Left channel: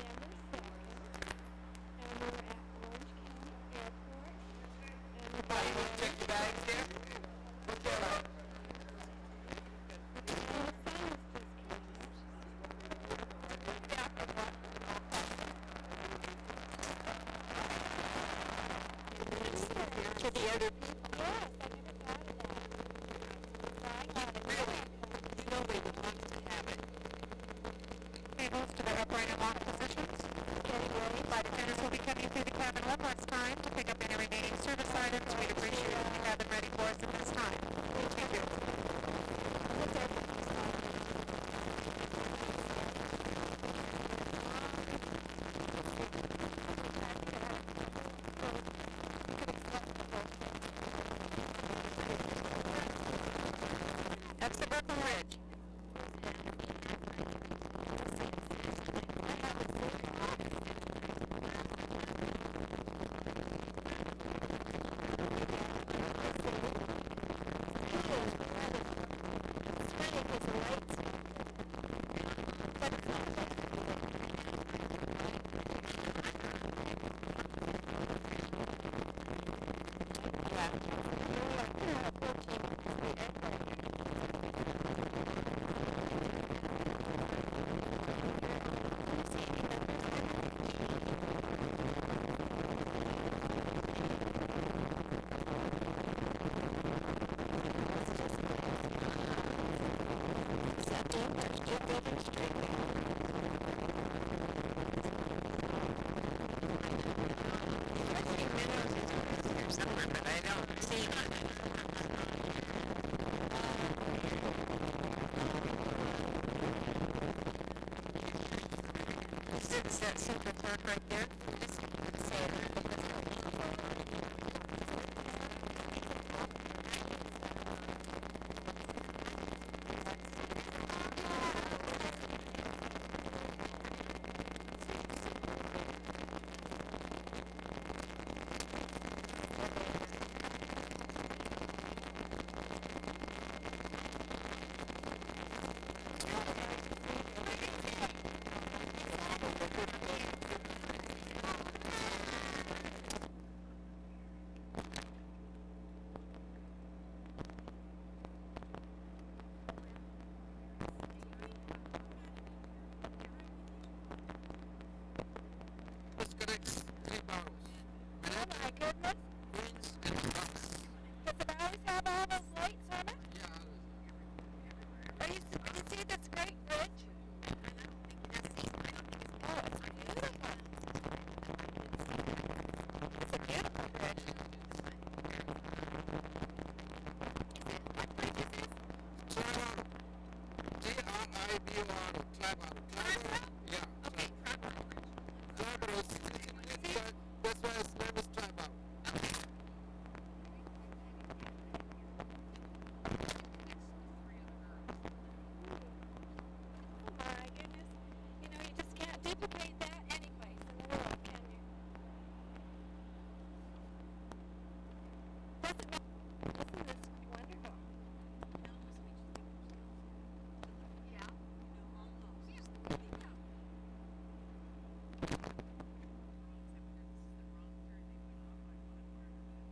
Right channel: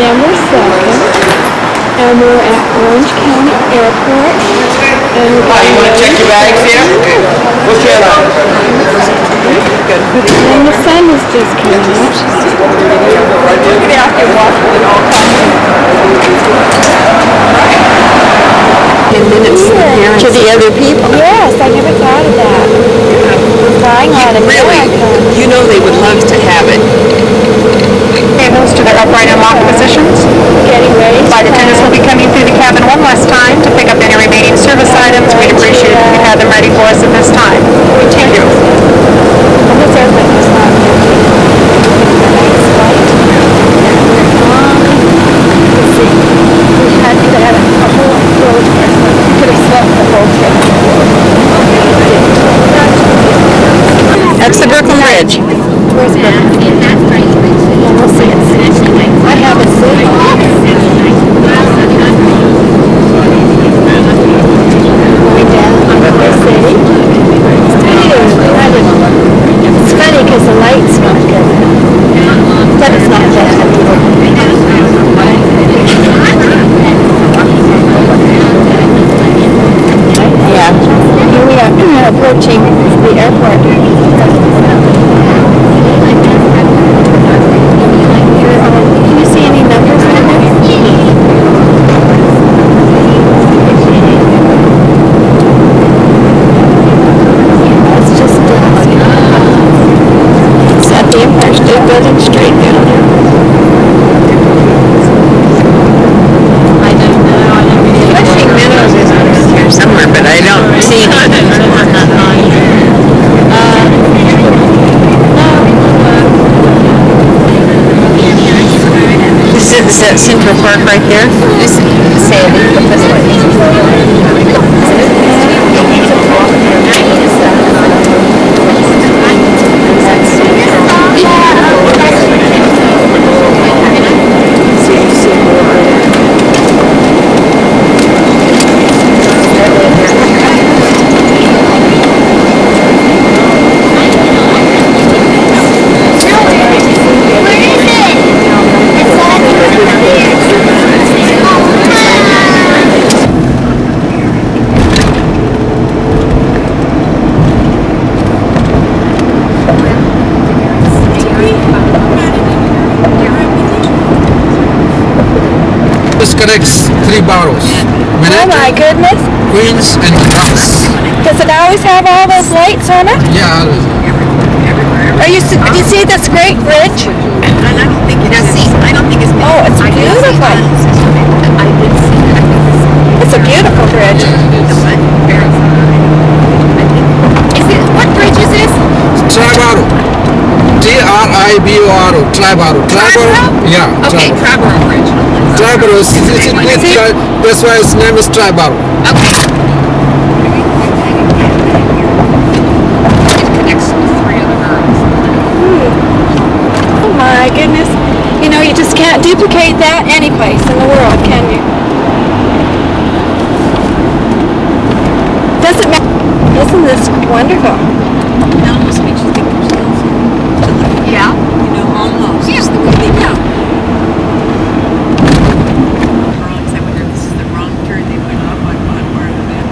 December 2nd, and we're at Orange County Airport. And You want to check your bags here? What's your line? And the sun is just coming up. Look at after walking it all time. 10 minutes to the other people. Yes, I never thought of that. Flying on Really, America. you know they would love to have it. Tables to their upright and locked positions. Getting ready. Flight attendants will be coming through the cabin one last time to pick up any remaining service items. We'd appreciate it if you had them ready for us at this time. Thank you. This airplane is not empty. Nice flight. Let's see. We had to have a whole road trip. We could have slept the whole trip. That's the Brooklyn Bridge. Where's the we'll see it. I haven't seen it. Going down the city. It's funny because the light's not good. But it's not bad. Yeah. Here we are approaching the airport. Can you see any numbers on there? It's just it's at the Empire State Building straight down there. I don't know. Flushing Meadows is around here somewhere, but I don't see it. Is that Central Park right there? This is Sandy, but this way. This connects 3 boroughs. Oh my goodness. Queens and Bronx. Does it always have all those lights on it? Yeah, Do you see this great bridge? I don't think it's Oh, it's beautiful. I did see it. It's a beautiful bridge. What bridge is this? Triborough. Triborough. Triborough. Triborough? Yeah. Okay, Triborough Bridge. Triborough. That's why its name is Triborough. Okay. It connects 3 other boroughs. Oh my goodness. You know, you just can't duplicate that any place in the world, can you? Doesn't matter. Isn't this wonderful? It almost makes you think themselves to look. Yeah. You know, almost. Yes, the way they go. I wonder if this is the wrong turn they went off on one part of it.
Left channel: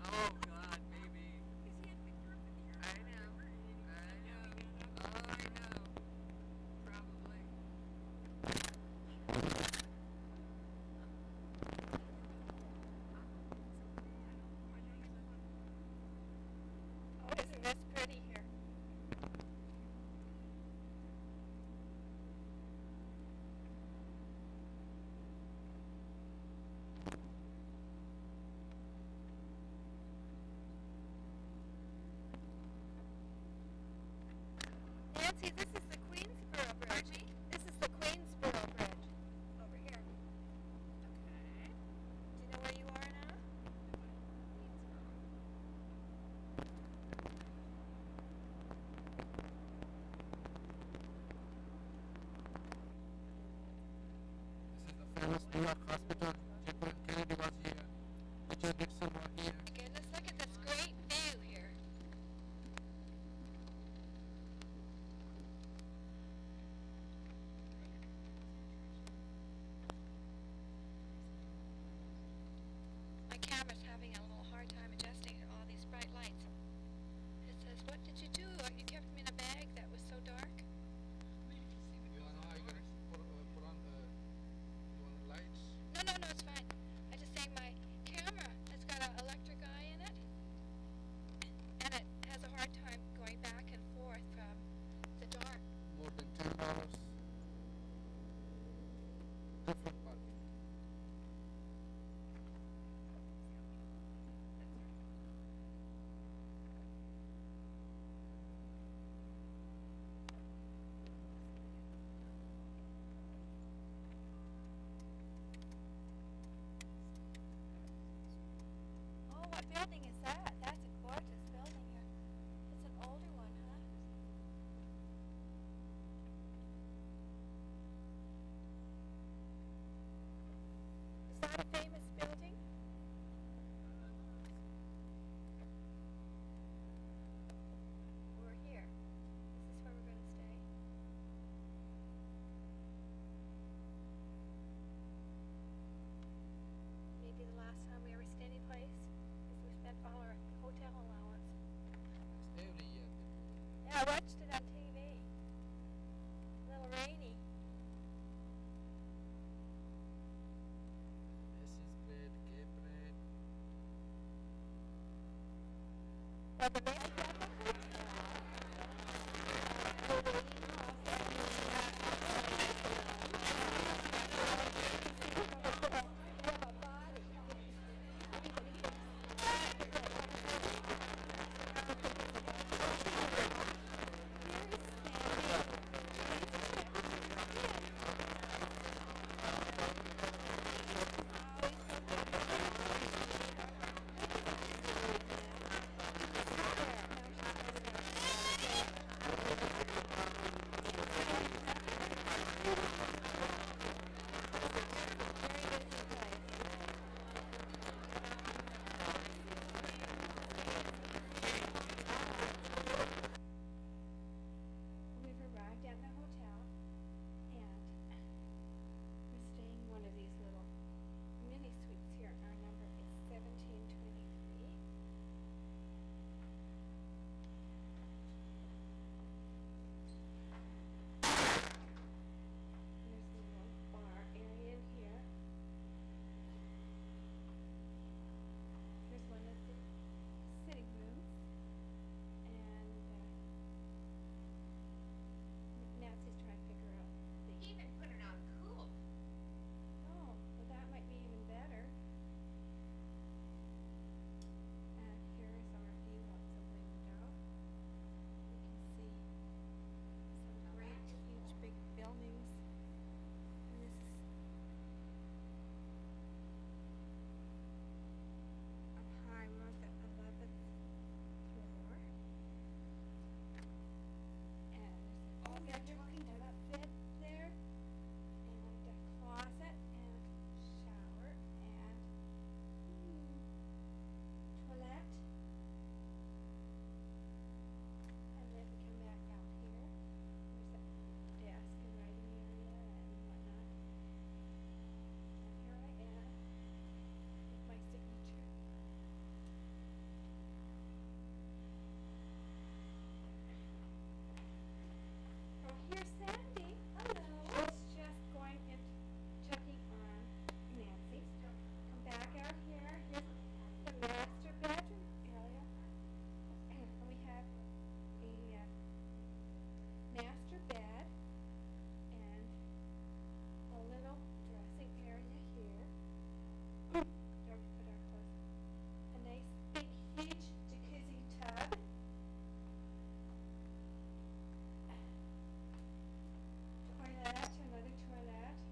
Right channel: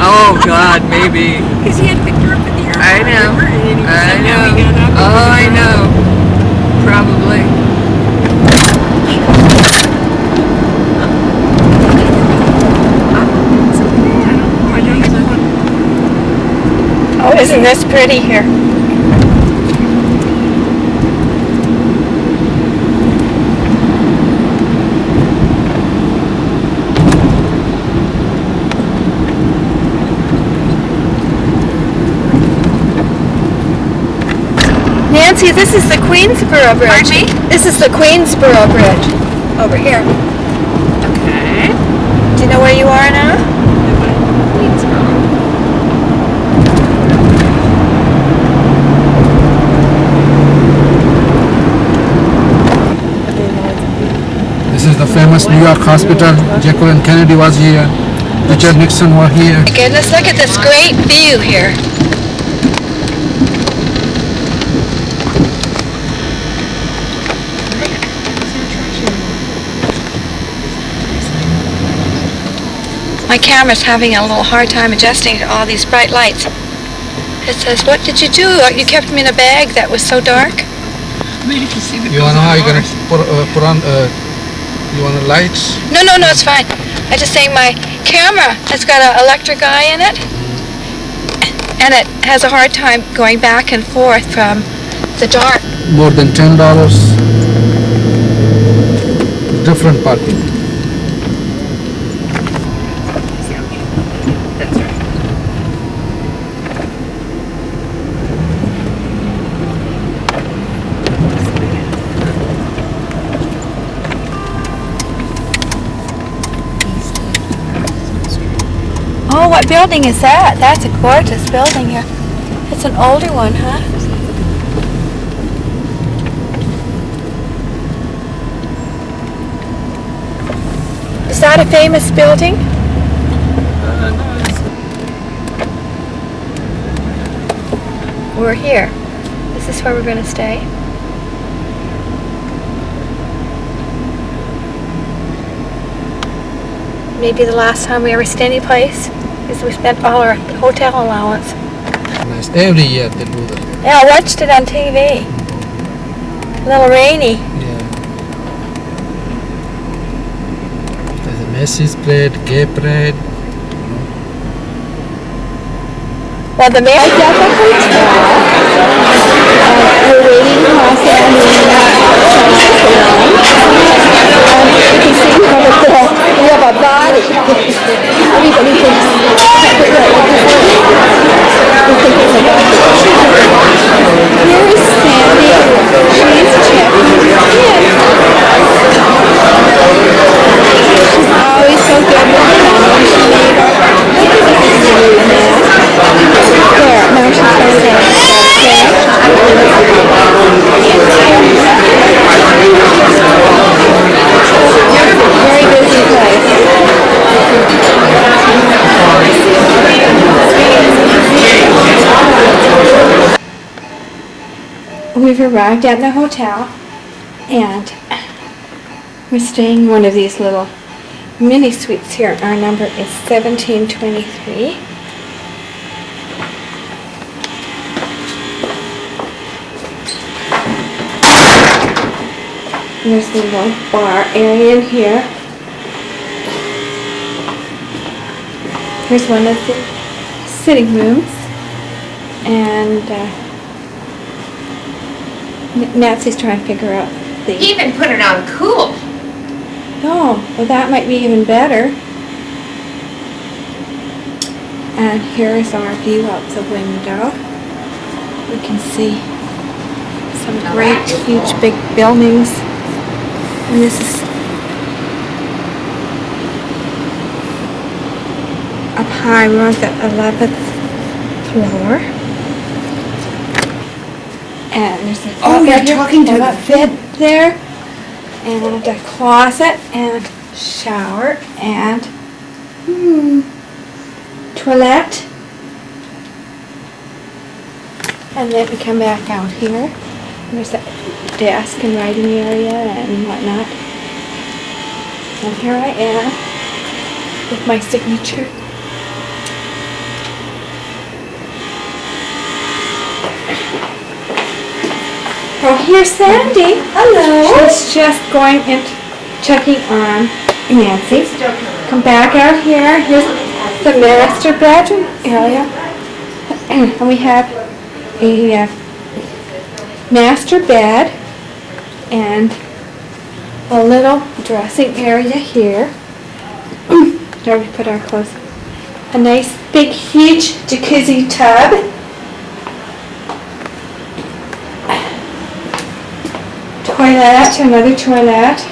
Oh God, maybe. Because he had Victor up at the airport. I know. I know. Oh, I know. Probably. Oh, isn't this pretty here? Nancy, this is the Queensboro Bridge. Pardon me? This is the Queensboro Bridge. Over here. Okay. Do you know where you are now? This is the famous New York hospital. Jacqueline Kennedy was here. Richard Nixon was here. My goodness, look at this great view here. My camera's having a little hard time adjusting to all these bright lights. It says, what did you do? You kept me in a bag that was so dark? You wanna know how you're gonna put on? You want the lights? No, it's fine. I just saying my camera has got an electric eye in it, and it has a hard time going back and forth from the dark. More than $10. Different parking. That's right. Oh, what building is that? That's a gorgeous building here. It's an older one, huh? Is that a famous building? We're here. Is this where we're going to stay? Maybe the last time we ever stayed any place is we spent all our hotel allowance. Nice. Every year they do that. Yeah, I watched it on TV. A little rainy. Yeah. There's a Macy's parade, gay parade. Well, the mayor got the hotel. We're waiting across it on the you can see we have a body. Everybody thinks here is Sandy. She's checking in. She's always so good with the family. She made her. There, now she's going to go. Very busy place. We've arrived at the hotel and we're staying in one of these little mini suites here. Our number is 1723. There's the little bar area in here. Here's one of the sitting rooms. And Nancy's trying to figure out the... He even put it on cool. Oh, well that might be even better. And here's our view out the window. We can see some great, huge, big buildings. And this is up high. We're on the 11th floor. And there's a you're talking to the bed there, and a closet, and shower, and toilet. And then we come back out here. There's a desk and writing area and whatnot. And here I am with my signature. Oh, here's Sandy. Hello. She's just going and checking on Nancy. Come back out here. Here's the master bedroom area. And we have a master bed and a little dressing area here. There we put our clothes. A nice big huge jacuzzi tub. Toilet, another toilet.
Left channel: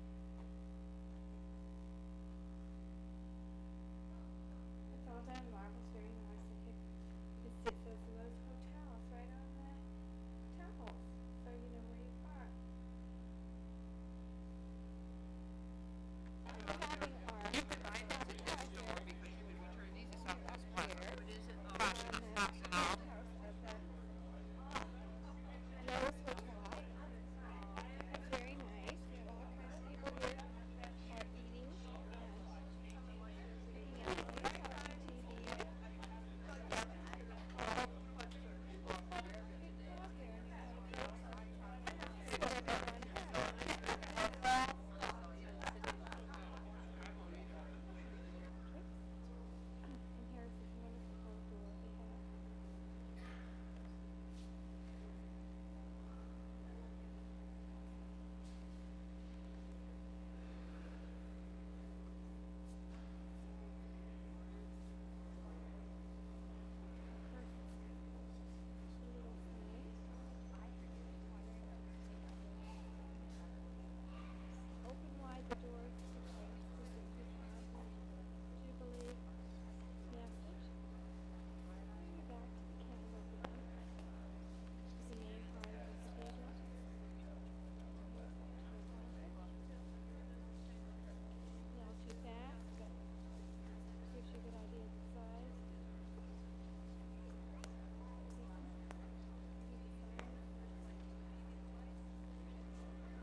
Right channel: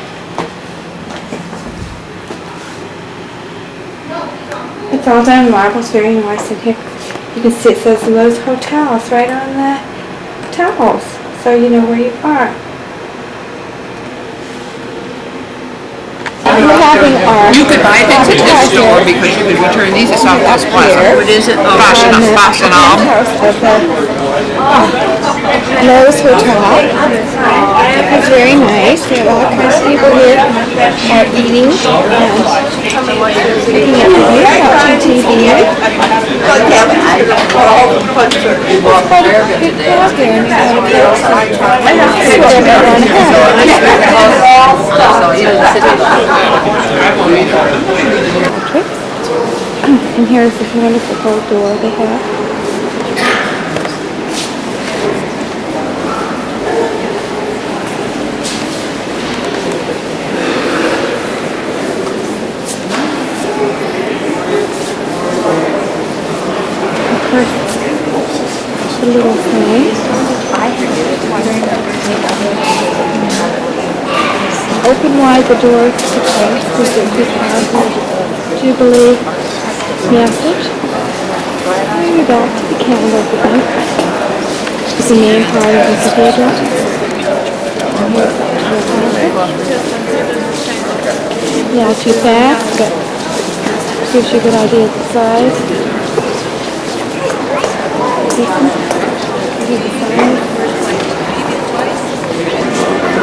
It's all done in marble, it's very nice in here. You can see it says Lowe's Hotels right on the towels, so you know where you are. We're having our You could buy things at this store because you could return these at South Coast Plaza. What is it? Fashion of Lowe's Hotel. It's very nice. There are all kinds of people here are eating and looking at the view, watching TV. It's quite a good crowd here in the place. That's what everyone has. And here's this wonderful old door they have. The little thing. Open wide the doors to the place with the 2000 Jubilee message. Bring it back to the candle again. It's the main part of the cathedral. And here's that yeah, too fast, but gives you a good idea of the size.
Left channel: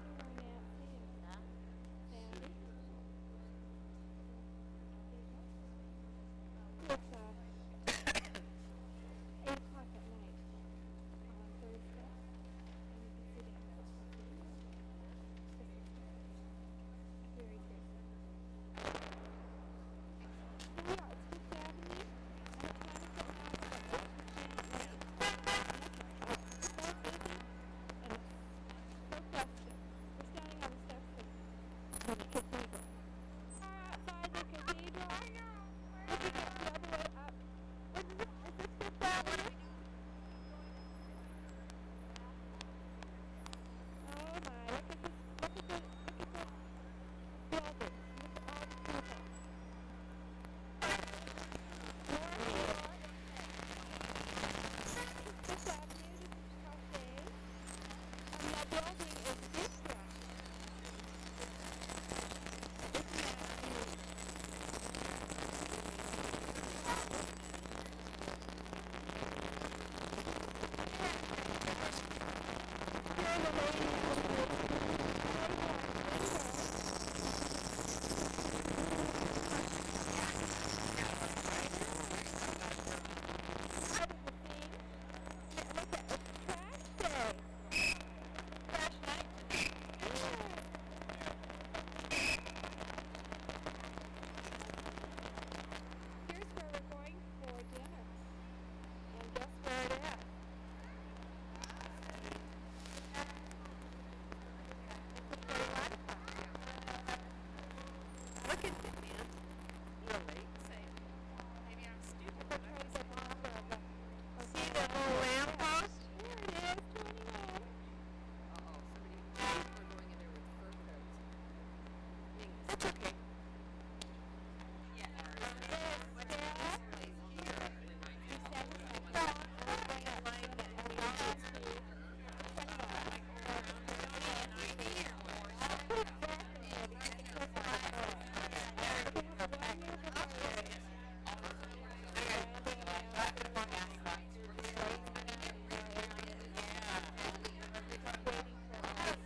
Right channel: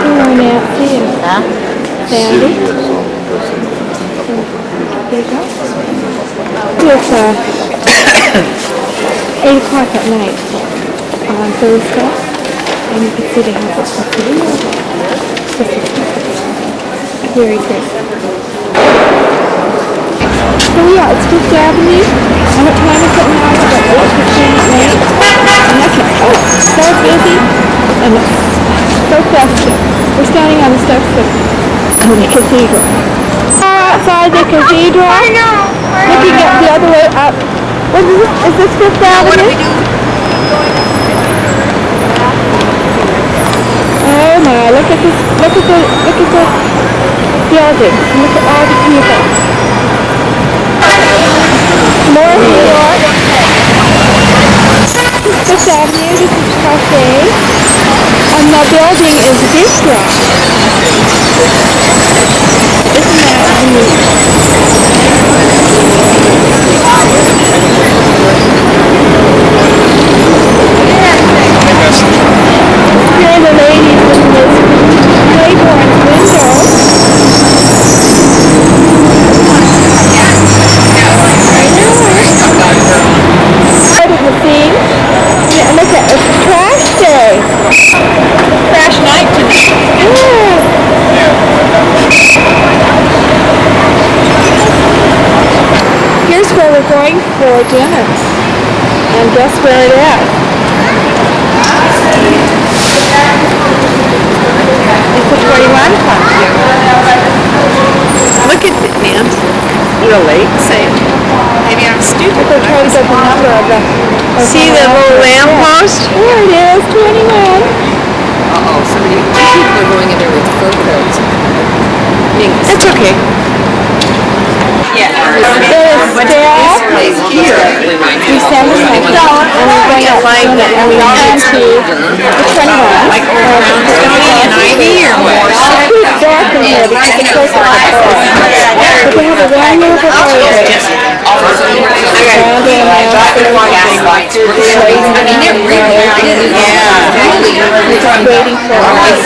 Hello, Nancy and Sandy. There you go. It's 8 o'clock at night on Thursday, and you can see they have this video. Very good. So yeah, it's Fifth Avenue. And what time is it now? It's about 8:15 at night. And I can, oh, it's so busy. And it's so festive. We're standing on the steps of the cathedral. Outside the cathedral. I know. Looking at the other way up. What is it? Is this Fifth Avenue? What do we do? Oh my, look at this, look at the buildings. Look at all the people. More New York. Fifth Avenue, this is Cafe. And the building is Bistro. Isn't that neat? Here are the ladies in this Claiborne window. Yeah, look at it's trash day. Trash night tonight. Yeah. Here's where we're going for dinner. And guess where it is? It's a 21 Club. Look at it, man. Really? Same. Maybe I'm stupid. They're trying to get the number of the... See the little lamppost? There it is, 21. Uh-oh, somebody, people are going in there with fur coats. It's okay. Yeah. There's staff. Place here. We send them and we're going up and we all get to the 21. Like around Stony and Ivy or more. It's dark in here because it's close to the bar. But they have a one move of I mean, it really is. Yeah. Really. waiting for us.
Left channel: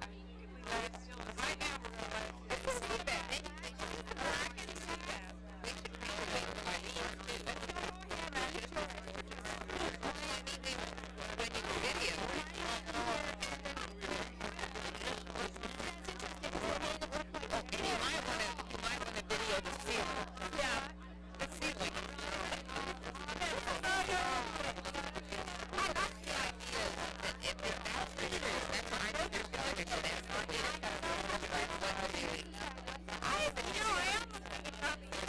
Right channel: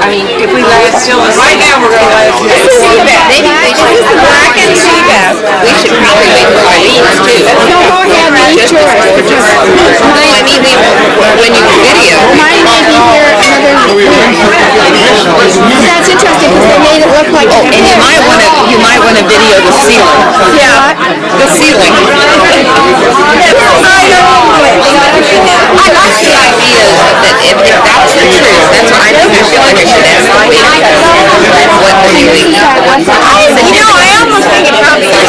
I mean, if we let it still, right now we're going to let it see that. Maybe they should use the black and see that. We should probably wait for Eileen's too. No, go ahead, read yours. I mean, when you video. Mine may be here another week. That's interesting because they made it look like. Oh, and you might want to video the ceiling. Yeah. The ceiling. I like the idea that if that's the truth, that's what I think. I feel like I should ask the week. What do you eat? You know, I almost think it probably is.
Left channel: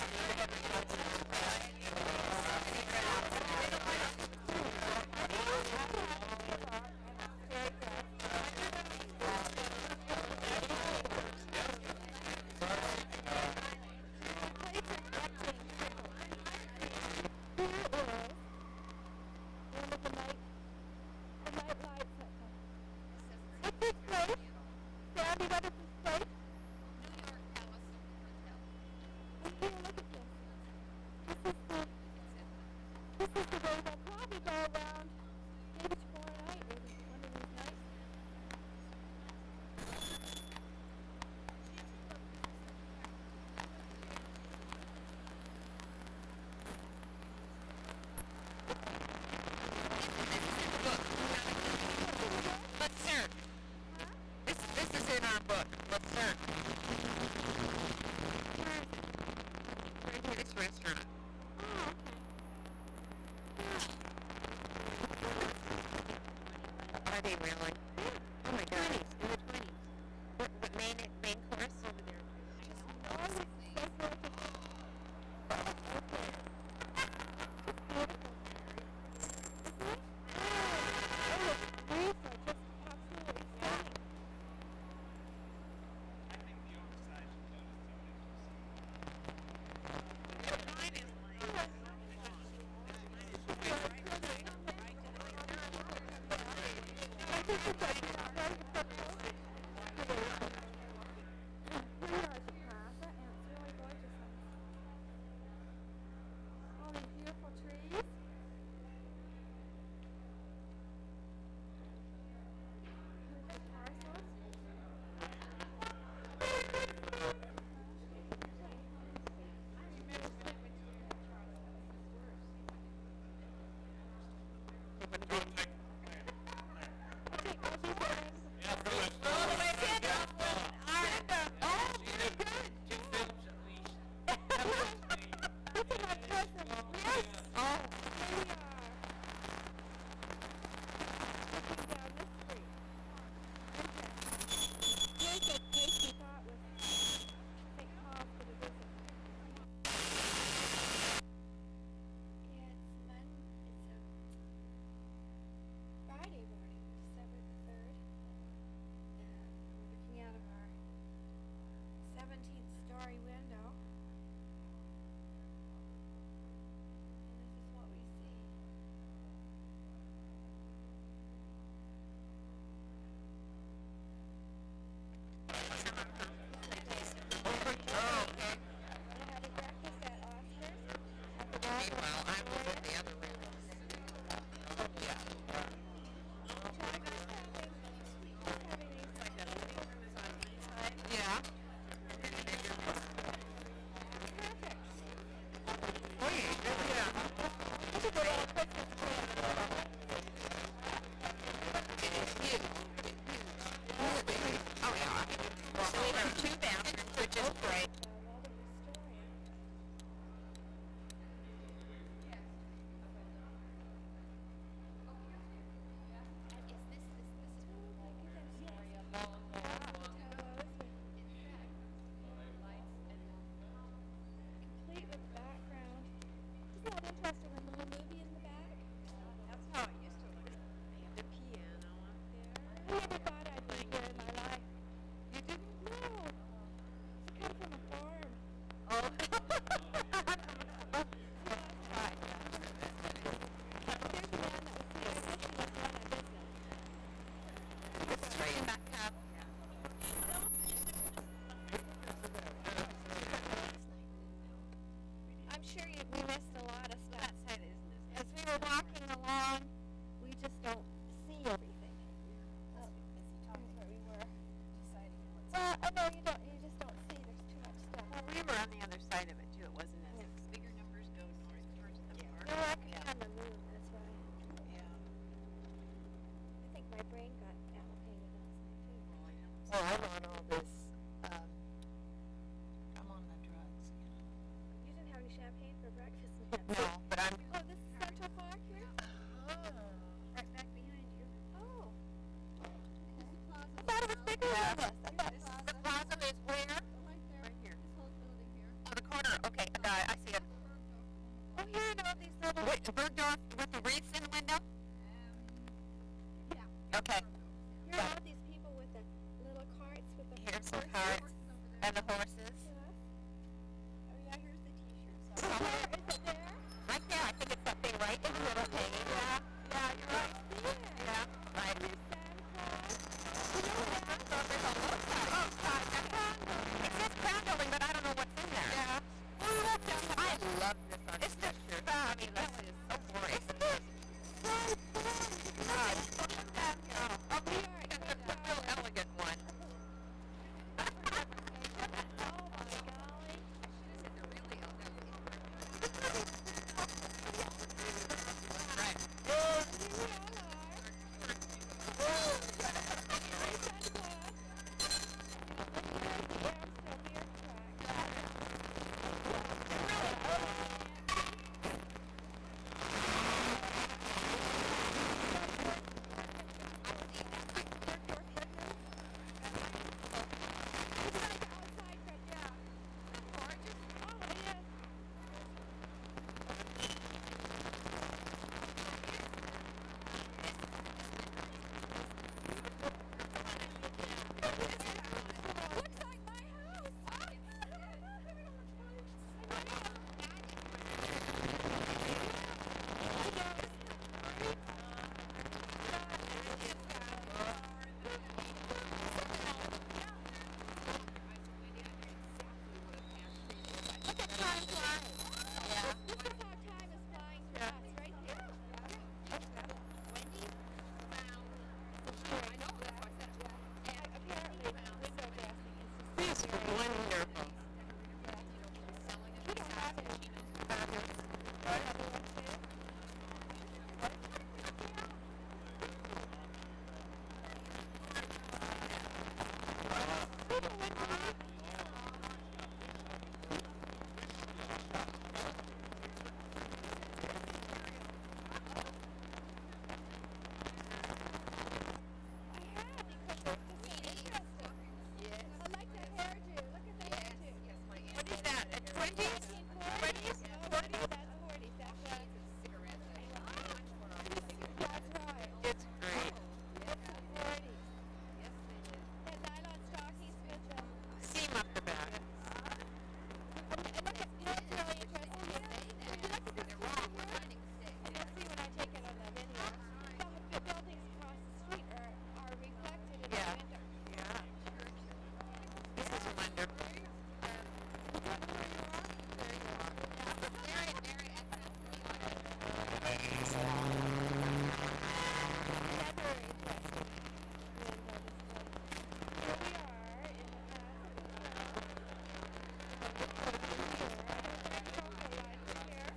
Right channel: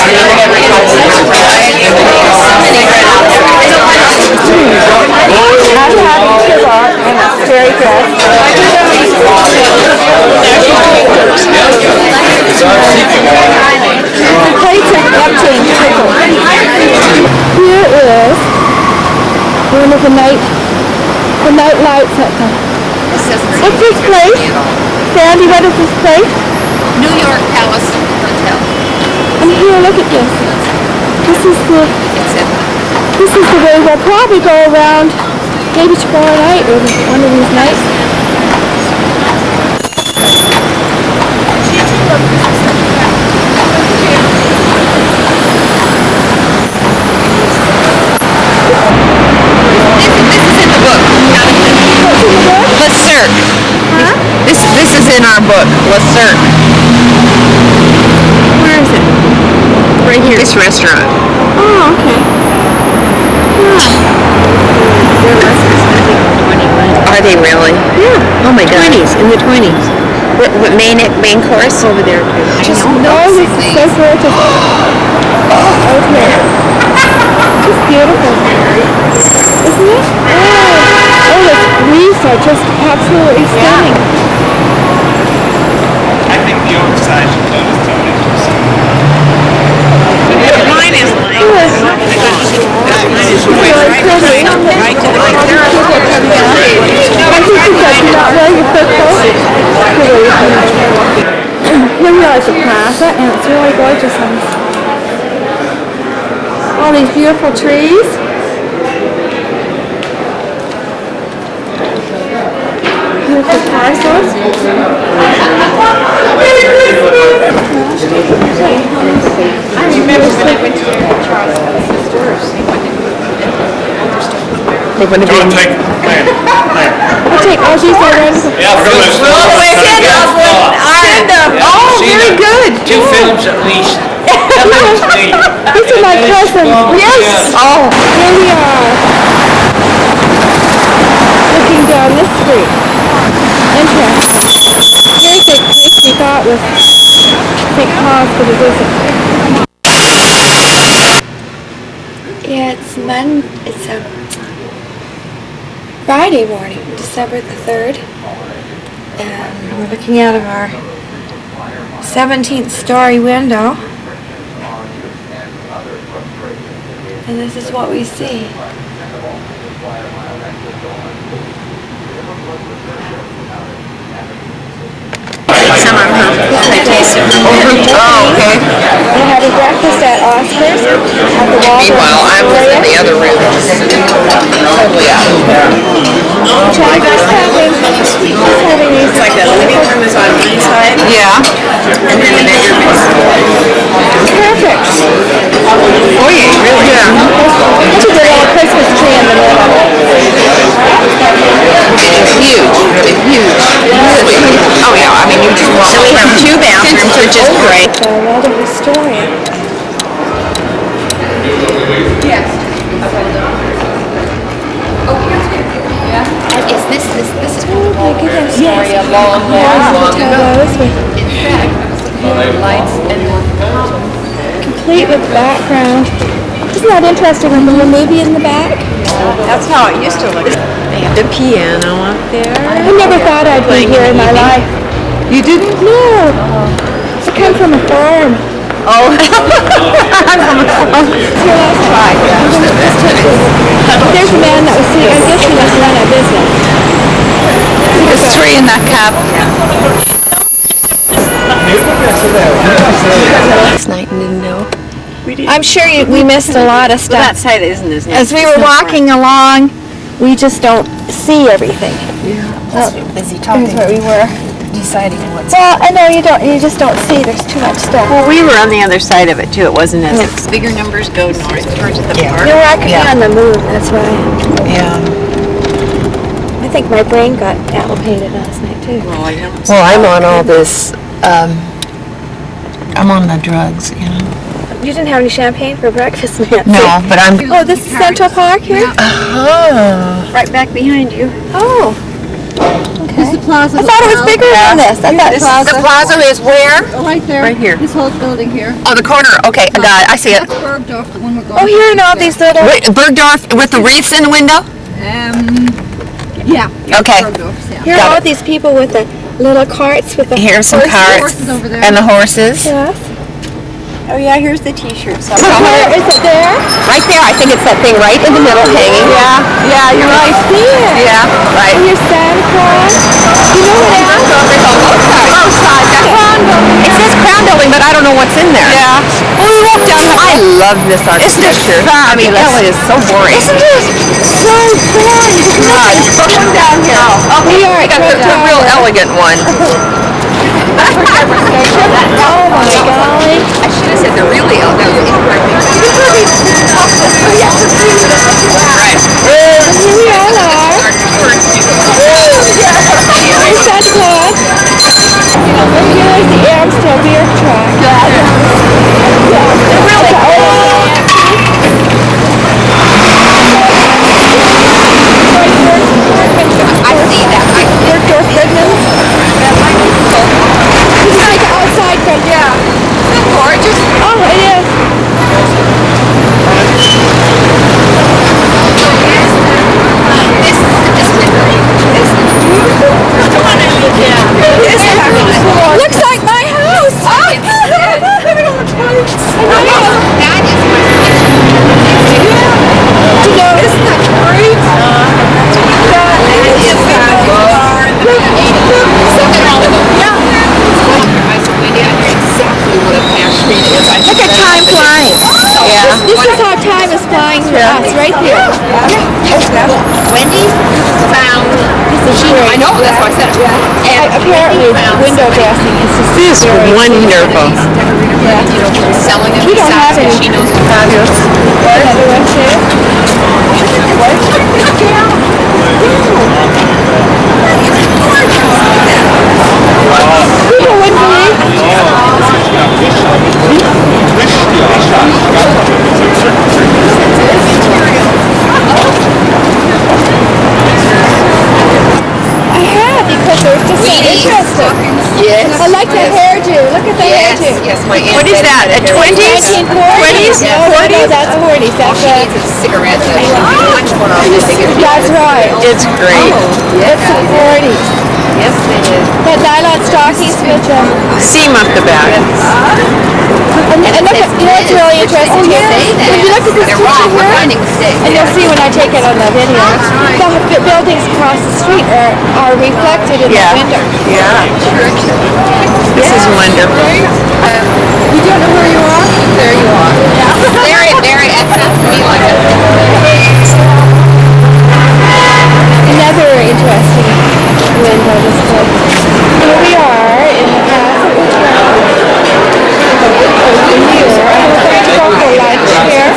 I'm having kebab and it's very good. The plates are empty and tickled. Here is one of the night lights at the... What's this place? Sandy, what is this place? New York Palace Hotel. And here, look at this. This is the way we'll probably go around maybe tomorrow night or one of these nights. our book. Let's search. Where is it? Right here. This restaurant. Oh, okay. Are they really? Yeah. Oh my God. 20s, in the 20s. What main course over there? Just this is so gorgeous. Okay. Just beautiful. Isn't it? Oh, the leaves are just absolutely stunning. I think the oversized clothes tone is just Mine is like Really pretty. right to the I think you said do not wear your fur coat. Here we are at the plaza, and it's really gorgeous. All these beautiful trees. Beautiful parcels. I remember when I went to Charles' stores. They wouldn't have been. I'll take all these items. Yeah, for those Send them. Oh, very good. 2 films at least. These are my cousins. Yes. Oh. Here we are. Looking down this street. Interesting. Very big place we thought was St. Paul's, but it isn't. Yeah, it's a Friday morning, December the 3rd. And we're looking out of our 17th story window. And this is what we see. Some of her. I tasted. Oh, okay. We're having breakfast at Oscar's at the Waldorf. Meanwhile, I was in the other room. Totally out. Just having these. It's like the living room is on one side. Yeah. And then the bedroom is. Perfect. Oh yeah, really? Yeah. Look at the little Christmas tree in the middle. It's huge. It's huge. Oh yeah, I mean you just walk. So we have 2 bathrooms, which is great. The Waldorf Astoria. Is this is Oh my goodness. Yes. a long Those with In fact, I was looking at the lights and complete with background. Isn't that interesting with the little movie in the back? that's how it used to look. They have the piano up there. I never thought I'd be here in my life. You didn't? No. I come from a farm. Oh. I'm from a farm. Here, let's try. There's a man that was sitting, I guess he must run a business. There's 3 in that cab. Last night and didn't know. I'm sure we missed a lot of That stuff. side isn't as nice. As we were walking along, we just don't see everything. Well, busy talking. Here's where we were. Deciding what's. Well, I know you just don't see. There's too much stuff. Well, we were on the other side of it too. It wasn't as bigger numbers go north towards the park. You know, I could be on the move. That's right. Yeah. I think my brain got allocated last night too. Well, I don't. Well, I'm on all this, I'm on the drugs, you know. You didn't have any champagne for breakfast, Nancy. No, but I'm... Oh, this is Central Park here? Oh. Right back behind you. Oh. Okay. This is the plaza. I thought it was bigger than this. I thought The plaza is where? Right there. Right here. This whole building here. Oh, the corner. Okay, I got it. I see it. That's Bergdorf, the one we're going Oh, here and all these little... Wait, Bergdorf with the wreaths in the window? Yeah. Okay. Bergdorf's, yeah. Here are Got all it. these people with the little carts with the Here's some horses. carts Horses over there. and the horses. Yes. Oh yeah, here's the T-shirts. Where is it there? Right there. I think it's that thing right in the middle hanging. Yeah, you're right. I see it. Yeah, right. And your Santa Claus. You know what else? It says Crown Building, but I don't know what's in there. Yeah. Well, we walked down. I love this architecture. I mean, LA is so boring. Isn't it so boring? Come down here. Oh, We are we got right the down real there. elegant one. Oh my golly. I should have said the really elegant. Right. And here we all are. Here's Santa Claus. right there. Wendy found. I know, that's why I said it. And Apparently, window dressing is just This is wonderful. selling it We don't have besides, 'cause any. she knows it's Fabulous. Another one too. People wouldn't believe. I have because they're just so interesting. Yes. I like the hairdo. Look at the Yes, hairdo. yes, my aunt. What is that, a 20s? 1940s? Yes. No, that's 40s. That's She needs a cigarette. That's what I was thinking. That's right. It's great. It's the 40s. Yes, it is. That nylon stockings with the... Seam up the back. And look at, you know what's really interesting here? When you look at this They're picture wrong. We're here, finding mistakes. and you'll see when I take it on the video, the buildings across the street are reflected in Yeah. the window. Yeah. This is wonderful. You don't know where you are? There you are. Very, very excellent to me like it. Another interesting window display. Here we are in the castle hotel. Over here, we're going to go for lunch here.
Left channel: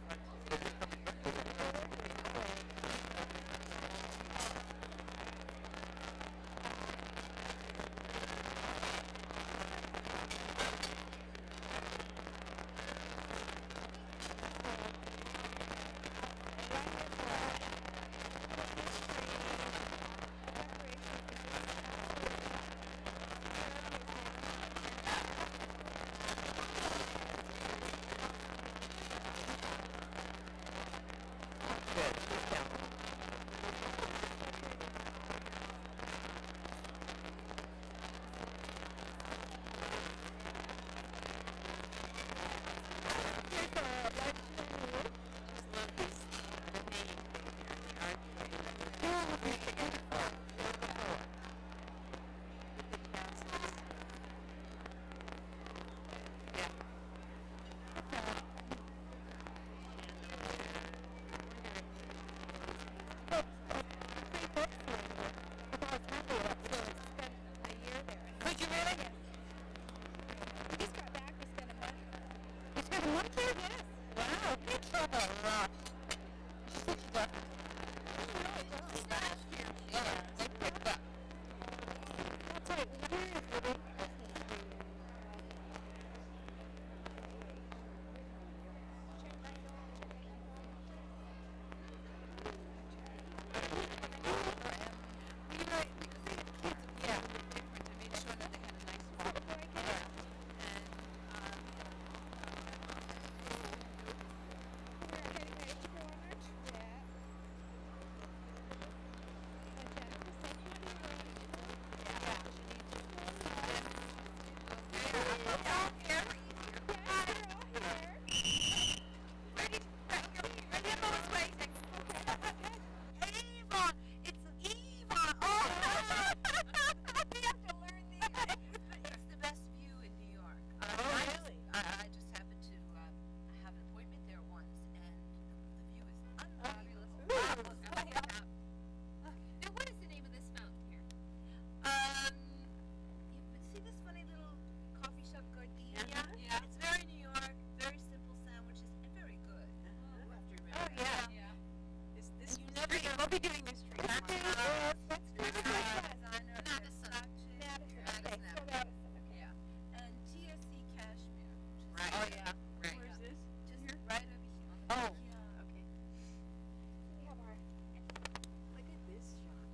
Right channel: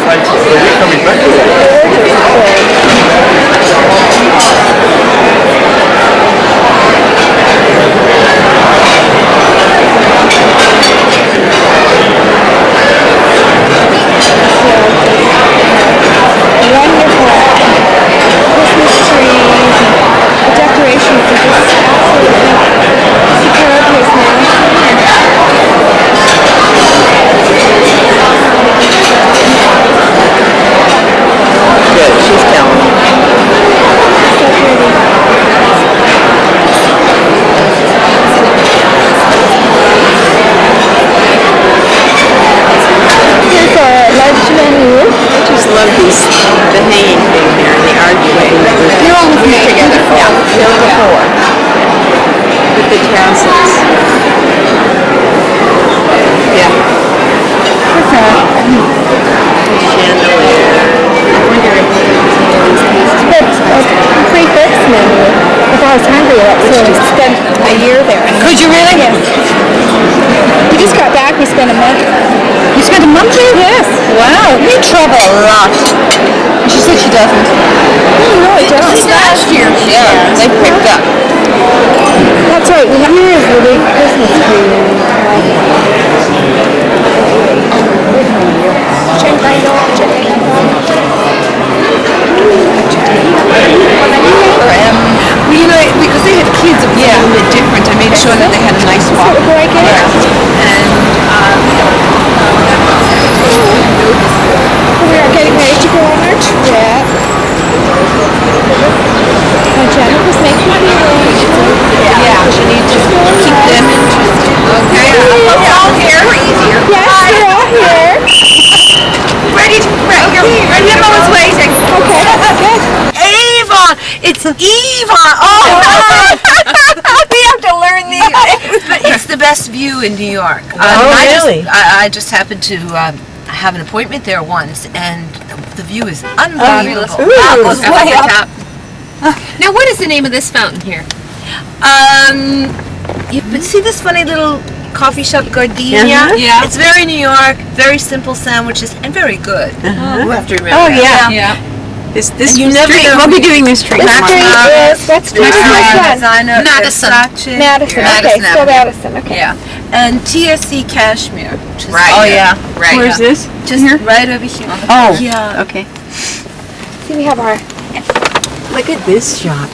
Wonderful Christmas trees, the decorations are just absolutely superb here now. Good, she's telling me. Here's our lunch menu. I just love these, the hanging thing here, the archway. You're all with me together. Yeah, they're before. With the tassels. Yeah. Chandelier. Complete fix menu. If I was hungry, I'd actually spend a year there. Could you really? Yes. We just got back. We spent a month. You spent a month here? Yes. Wow, you travel a lot. She said she doesn't. No, I don't. Last year, yeah, they picked up. That's right. We have here is the big Christmas tree. Well, you know, because they had kids, it was a little bit different. I made sure that they had a nice walk. What do I get? And We are getting ready to go on our trip. And Jenna was making arrangements. yeah, she needs to keep them interested. Okay, it's all here. Easier. Yes, we're all here. Ready to ready. Emma's waiting. Okay, good. Avon! It's Avon! Oh, we have to learn these. It's the best view in New York. really? I just happened to have an appointment there once, and the view is unbelievable. Ooh. Goes way up. Now, what is the name of this fountain here? You see this funny little coffee shop Gardenia? Uh-huh. Yeah. It's very New York, very simple sandwiches, and very good. You have to remember. Oh, yeah. Yeah. This And you never street, know- we'll be doing this street. What street is, what street is this one? Madison. Madison, okay, Madison still Avenue. Madison, okay. Yeah. And TSC Cashmere. Which is Right. Oh, yeah. Right. Where's this? Just right over here. Oh. Yeah. Okay. See, we have our, Look at this shop.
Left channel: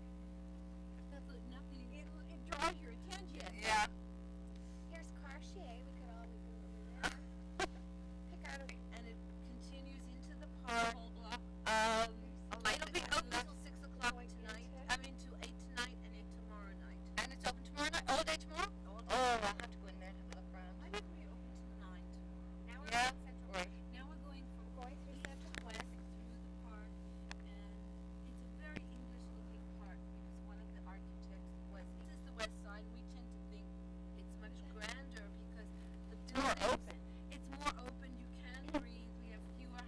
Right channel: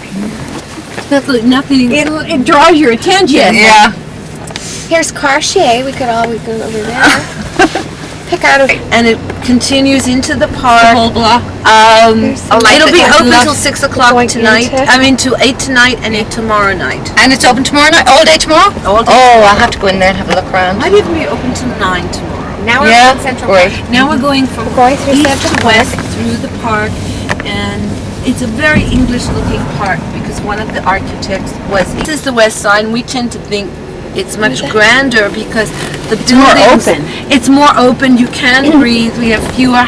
Nothing. It draws your attention. Yeah. here's Cartier, we could always go over there. Pick out a, And it continues into the park. Whole block. It'll be open love- till 6 o'clock Going tonight. into- I mean, till 8 tonight and 8 tomorrow night. And it's open tomorrow night, all day tomorrow? All day. Oh, I'll have to go in there and have a look around. Might even be open till 9 tomorrow. now we're Yeah, in Central great. Park. Now we're going from Going through east Central to Park. west through the park, and it's a very English-looking park because one of the architects was. This is the west side, and we tend to think It's much grander because the buildings... open. It's more open. You can breathe. We have fewer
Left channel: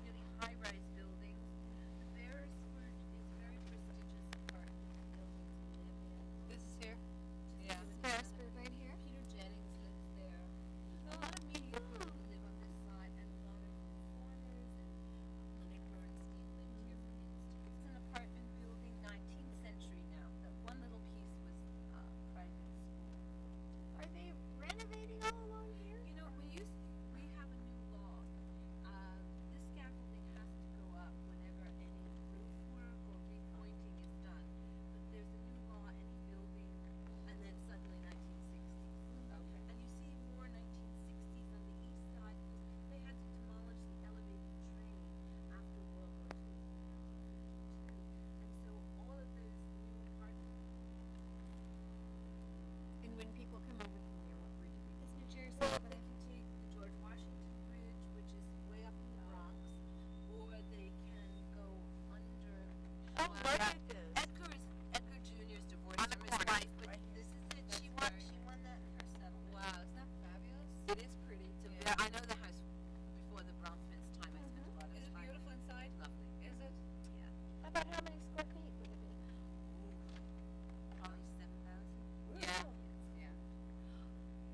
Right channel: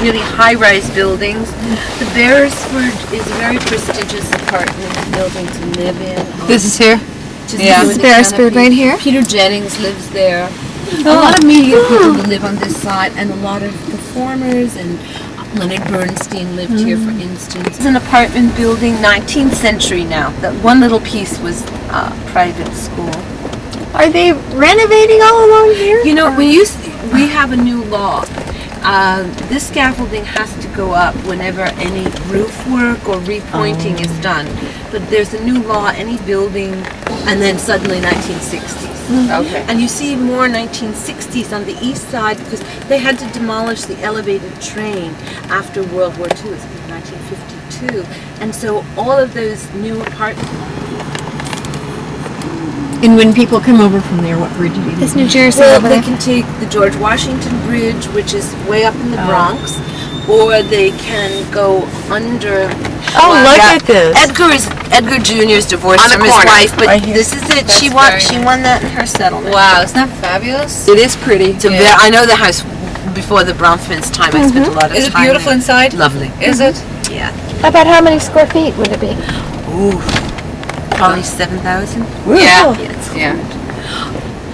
really high-rise buildings. The Beresford is a very prestigious apartment building to live in. This is here? Just Yeah. view This of is the Beresford canopy. right here? Peter Jennings lives there. A lot of media people who live on this side, and a lot of performers, and Leonard Bernstein lived here, for instance. It's an apartment building, 19th century now. That one little piece was private school. Are they renovating all along here? You know, we have a new law. This scaffolding has to go up whenever any roof work or repointing is done. But there's a new law, any building, and then suddenly 1960s. Okay. And you see more 1960s on the east side because they had to demolish the elevated train after World War II. It's 1952. And so all of those new apartments... And when people come over from there, what bridge do you It's New Jersey Well, over they there. can take the George Washington Bridge, which is way up in the Bronx, or they can go under... Oh, look at this. Edgar Jr.'s divorced On the from his corner, wife, but right here. this is it. That's She very won that in her settlement. Wow, isn't that fabulous? It is pretty. Yeah. I know the house before the Bronfman's time. I spent a lot of Is it time beautiful there. inside? Lovely. Is it? Yeah. About how many square feet would it be? Ooh. Probably 7,000. Yeah. It's Yeah.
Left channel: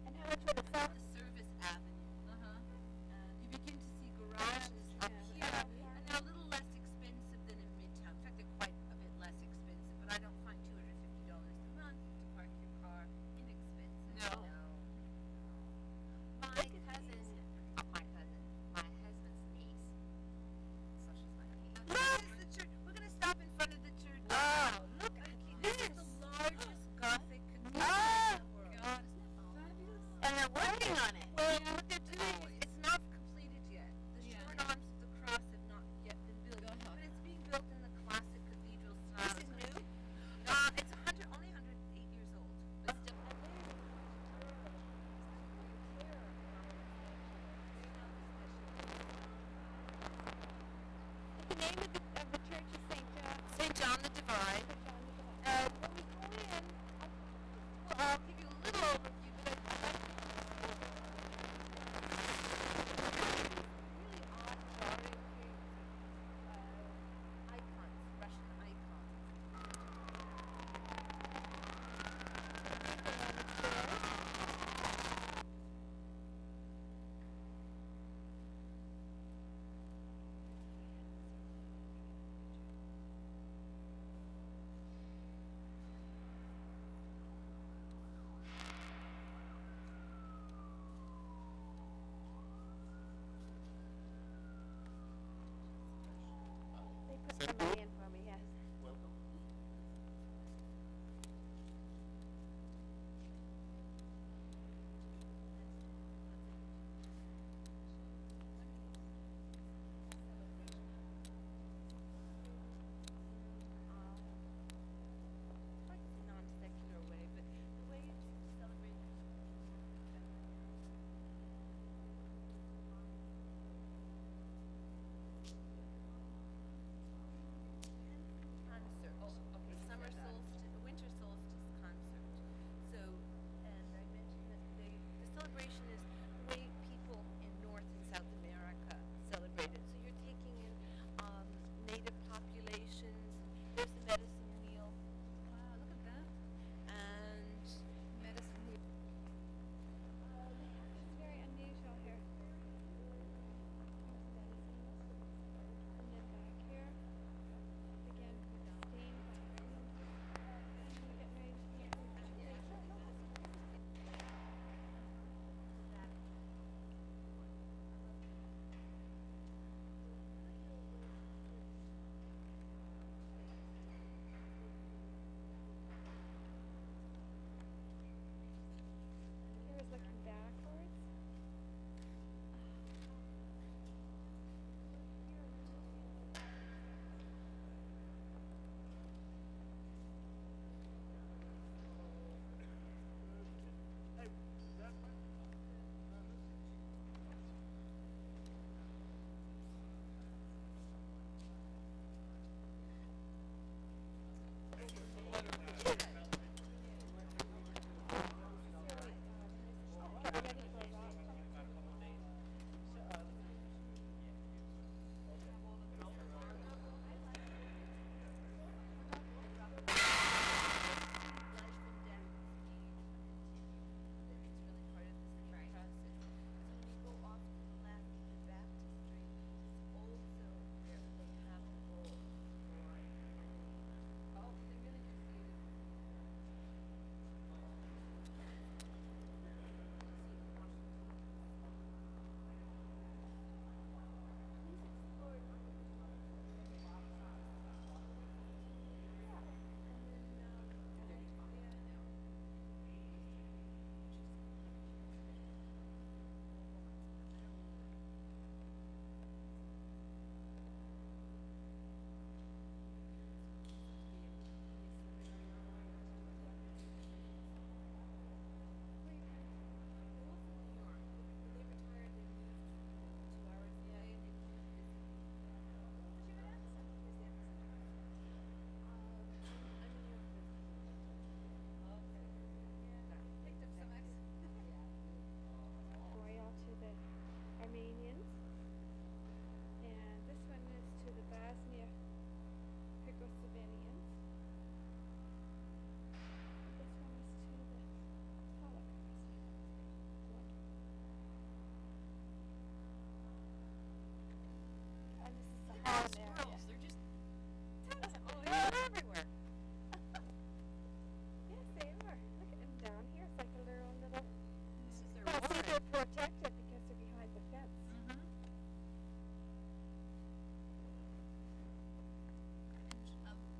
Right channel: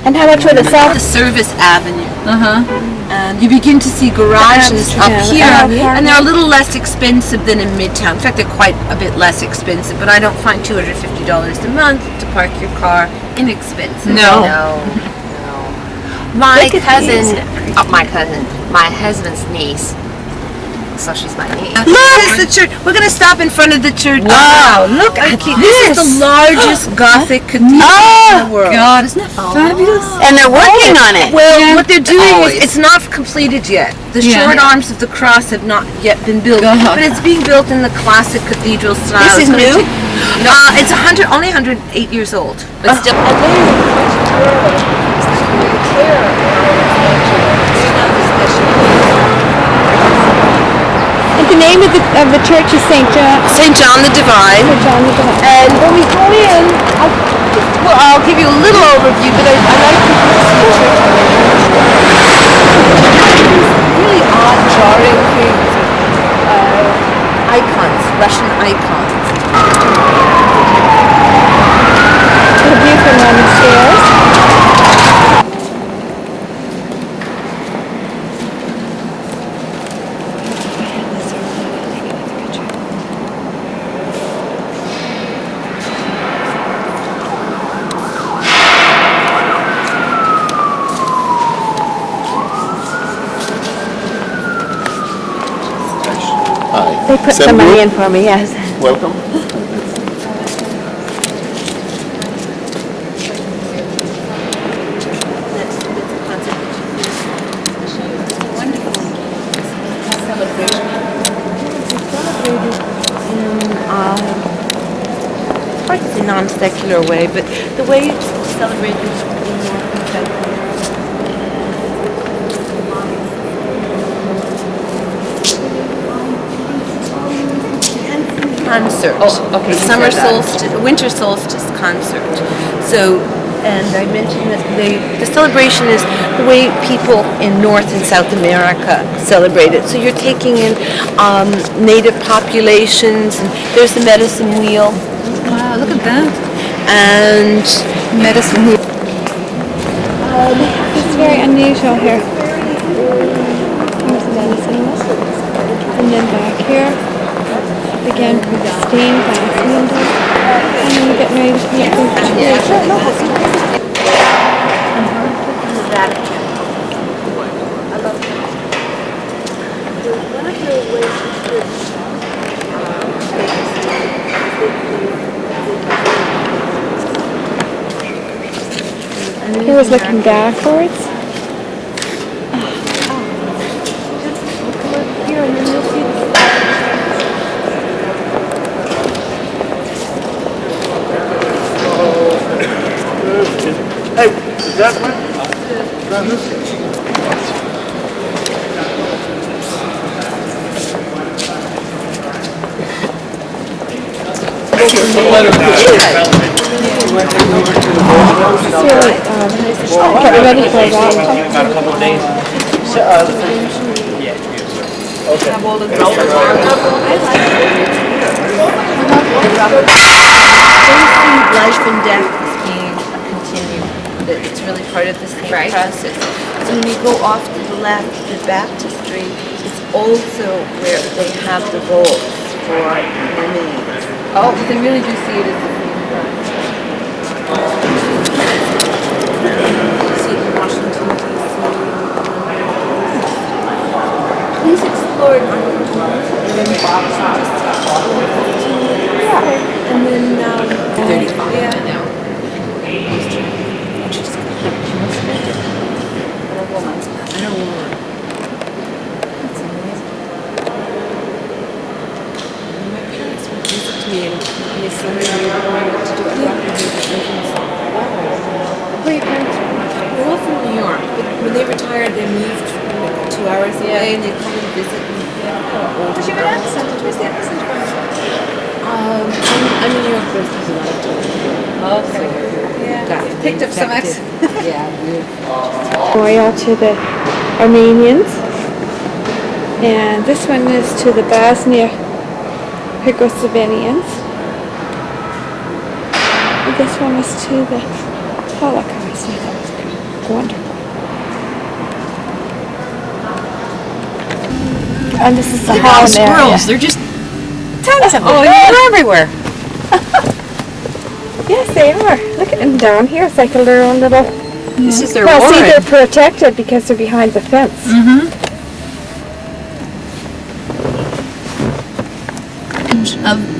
And how much would it sell? the Service Avenue. Uh-huh. And you begin to see garages up here, Amsterdam. and they're a little less expensive than in Midtown. In fact, they're quite a bit less expensive, but I don't find $250 a month to park your car inexpensive. No. My cousin, my husband's niece. So she's my niece. Look, it's the church. We're going to stop in front of the church. Wow, look at This is the largest Gothic cathedral in the world. God, isn't that fabulous? And they're working on it. Well, what they're doing Always. is, it's not completed yet. The Yeah. short arms of the cross have not yet been built, God. but it's being built in the classic cathedral style. This is It's gonna new? take- it's only 108 years old. But still. And the name of the church is St. John. St. John the Divine. St. John the Divine. And when we go in, I'll give you a little overview, but I like to see really odd, jarring things. Icons, Russian icons. The view from down the stairs. They put some money in for me, yes. Welcome. Hard to say non-secular way, but the way it's celebrated in North and South concert. Oh, okay, The you summer said that. solstice, winter solstice concert. So, and I mentioned that the celebration is the way people in North and South America celebrate it. So you're taking in native populations, and there's the medicine wheel, Wow, look at that. and Medicine wheel. It's very unusual here. Here's the medicine wheel. And then back here, again, stained glass windows. And then we're getting ready to come up with He was looking backwards. Hey, is that one? want to take me over to the Gold Coast? Get ready for that. About a couple of days. Okay. Life and death as being a continuum. That it's really part of the same process. So when you go off to the left, the baptistry is also where they have the rolls for remains. Oh, they really do see it as the same process. See it in Washington, D.C. Please explore it. And then, 35. Yeah. Where are your parents from? They're all from New York, but when they retired, they moved 2 hours away, and they come and visit. Does your accent? Where's the accent from? I'm in New York, but there's a lot of time. Okay. Yeah. Picked up some accent. Memorial to the Armenians. And this one is to the Bosnia Herzegovinians. And this one is to the Holocaust. I thought it was wonderful. And this is the Look at all Holland the area. squirrels. They're just tons of them. Oh, They're everywhere. Yes, they are. Look at them down here. It's like a little. This is their Well, see, warren. they're protected because they're behind the fence.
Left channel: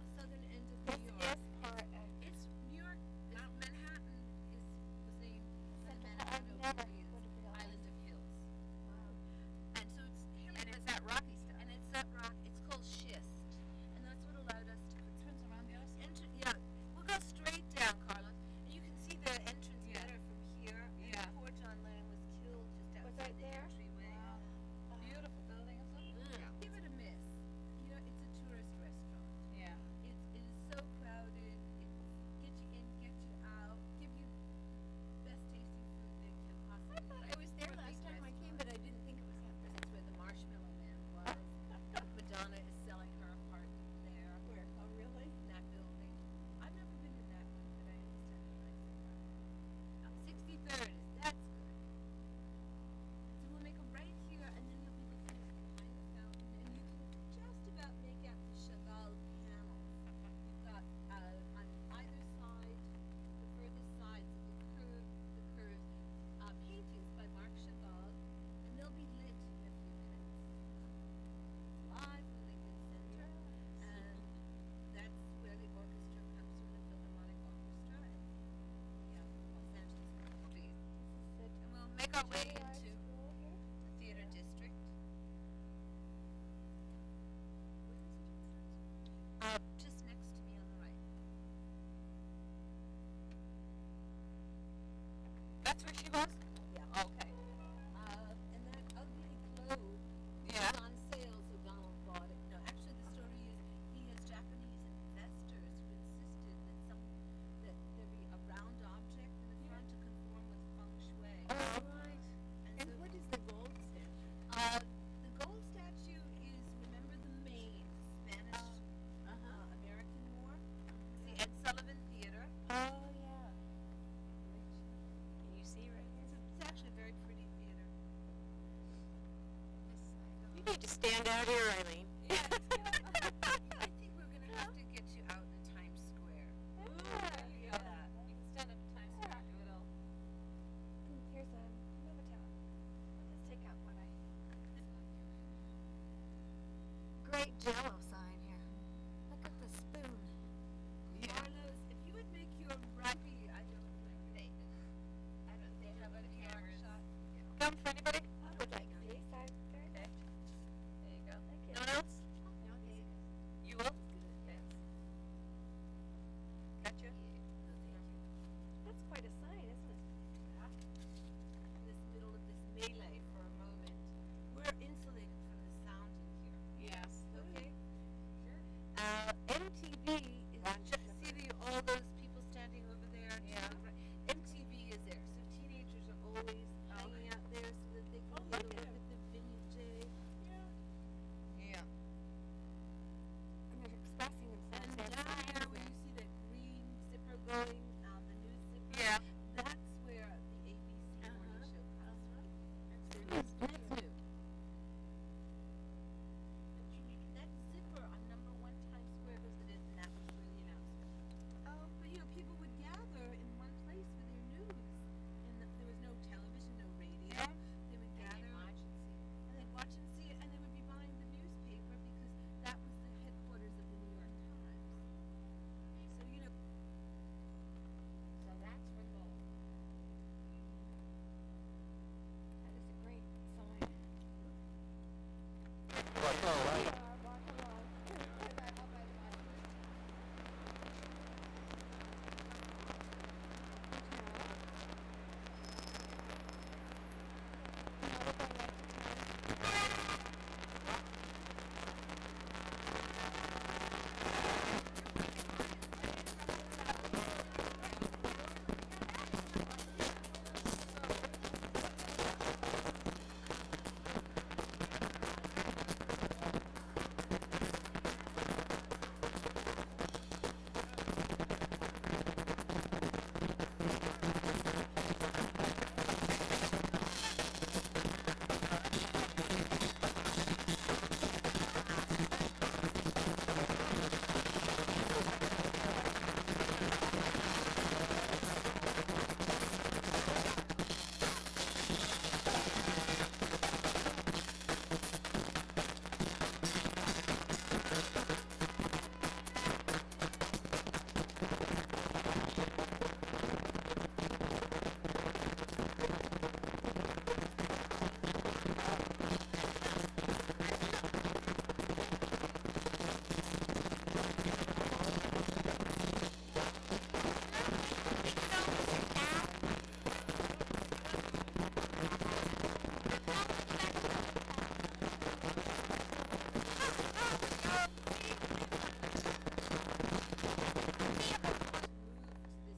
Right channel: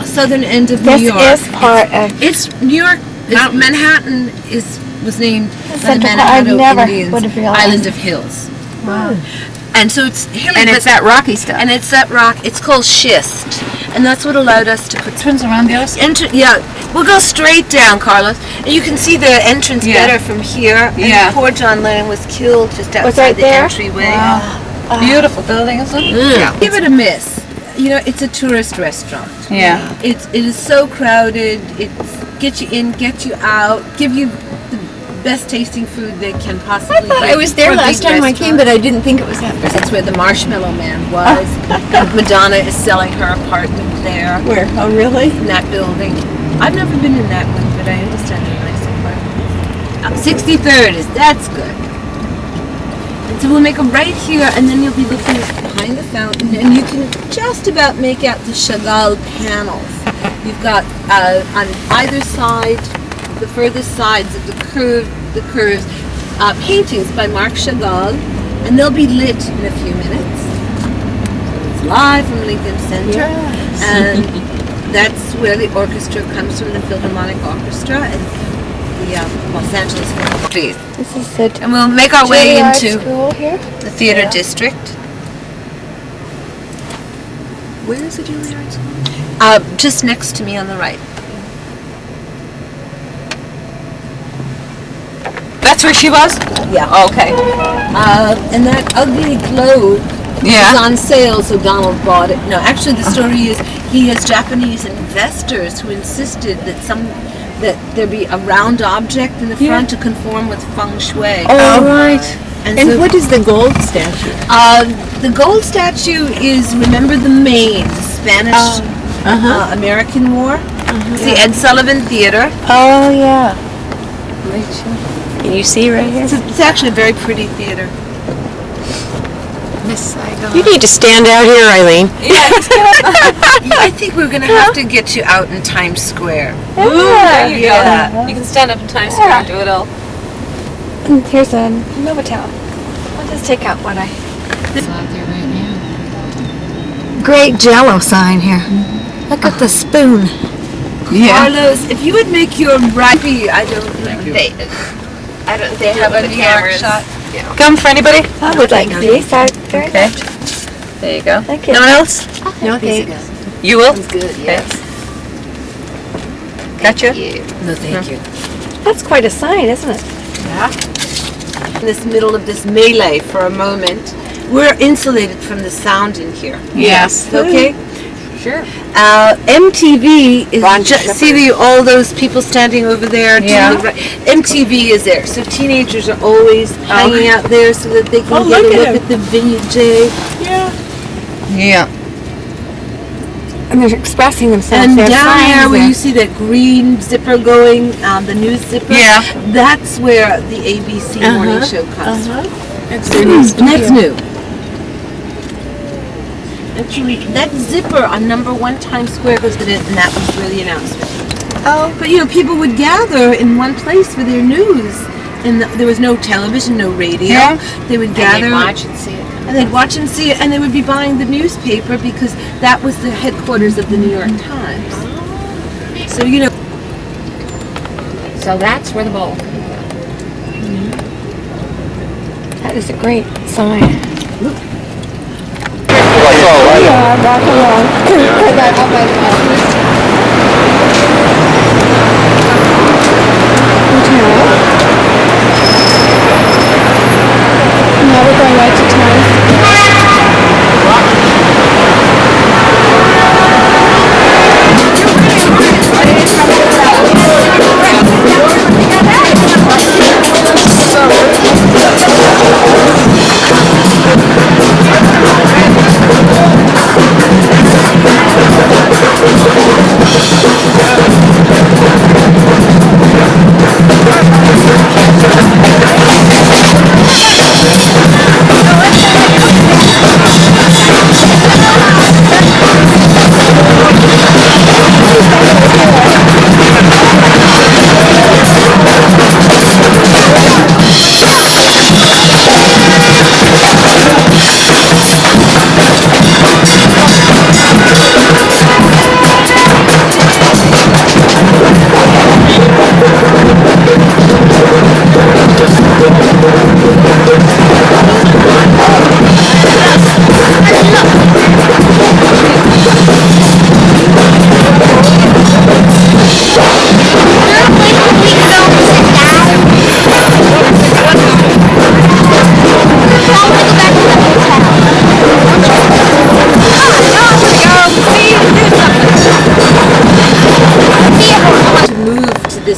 Southern end of This New York. is part of. It's New York. Manhattan was named by the Central Park. I Manhattan never Indians, would have realized. Island of Hills. Wow. And so it's hilly, And it's that rocky stuff. And it's that rock, it's called schist. And that's what allowed us to put Turns around the other side. yeah, we'll go straight down, Carlos. And you can see the entrance Yeah. better from here. Yeah. And poor John Lennon was killed just outside right the there? entryway. Beautiful building, isn't it? Yeah. Give it a miss. You know, it's a tourist restaurant. Yeah. It is so crowded. It's get you in, get you out, give you the best tasting food they can possibly. I thought I was there last time I came, but I didn't think it was that bad. That's where the Marshmallow Man was. And Madonna is selling her apartment there Where? Oh, really? in that building. I've never been in that one, but I understand they're nice apartments. 63rd that's good. And so we'll make a right here, and then you'll be looking behind the fountain, and you can just about make out the Chagall panels. You've got on either side, the furthest sides of the curves, paintings by Marc Chagall, and they'll be lit in a few minutes. It's live from Lincoln Center, and that's where the orchestra comes from, the Philharmonic Orchestra, and the Los Angeles Philharmonic. This is the And we'll make our way Juilliard into school here. the theater district. Where is the Juilliard School? Just next to me on the right. That's where she was? Yeah. Okay. And that ugly globe Yeah. is on sale, so Donald bought it. No, actually, the story is he has Japanese investors who insisted that there be a round object in the front to conform with feng shui. Oh, right. And And so- what is the gold statue? The gold statue is, remember the Maine, the Spanish American War? It's the Ed Sullivan Theater. Oh, yeah. Can you see right here? It's actually a very pretty theater. Miss Saigon. You need to stand out here, Eileen. I think we're going to have to get you out in Times Square. There you Yeah. go. You can stand up in Times Square and do it all. Here's a Novotel. I'll just take out what I. Great Jello sign here. Look at the spoon. Carlos, if you would make your right, They have a New York shot. Come for anybody? I would like these. Very Okay. much. There you go. Thank you. No one else? No thanks. You will? Good, yes. Gotcha. no, thank you. That's quite a sign, isn't it? In this middle of this melee for a moment, we're insulated from the sound in here. Yes. Okay? Sure. MTV is Ron see all those people standing over there. Yeah. To the right. MTV is there, so teenagers are always hanging out there so that they can get a look at the VJ. Yeah. And they're expressing themselves. And Their down signs there where there. you see that green zipper going, the news zipper, Yeah. that's where the ABC morning show comes from. That's their new And studio. that's new. Actually, that zipper on number 1 Times Square goes with it, and that was where the announcement. Oh. But people would gather in one place for their news, and there was no television, no radio. Yeah. They would And gather, they watch and see it. and they'd watch and see it, and they would be buying the newspaper because that was the headquarters of the New York Times. So So that's where the bowl. That is a great sign. Like, oh, right. Yeah, walk along. Put that up by the hotel. Now we're going right to town.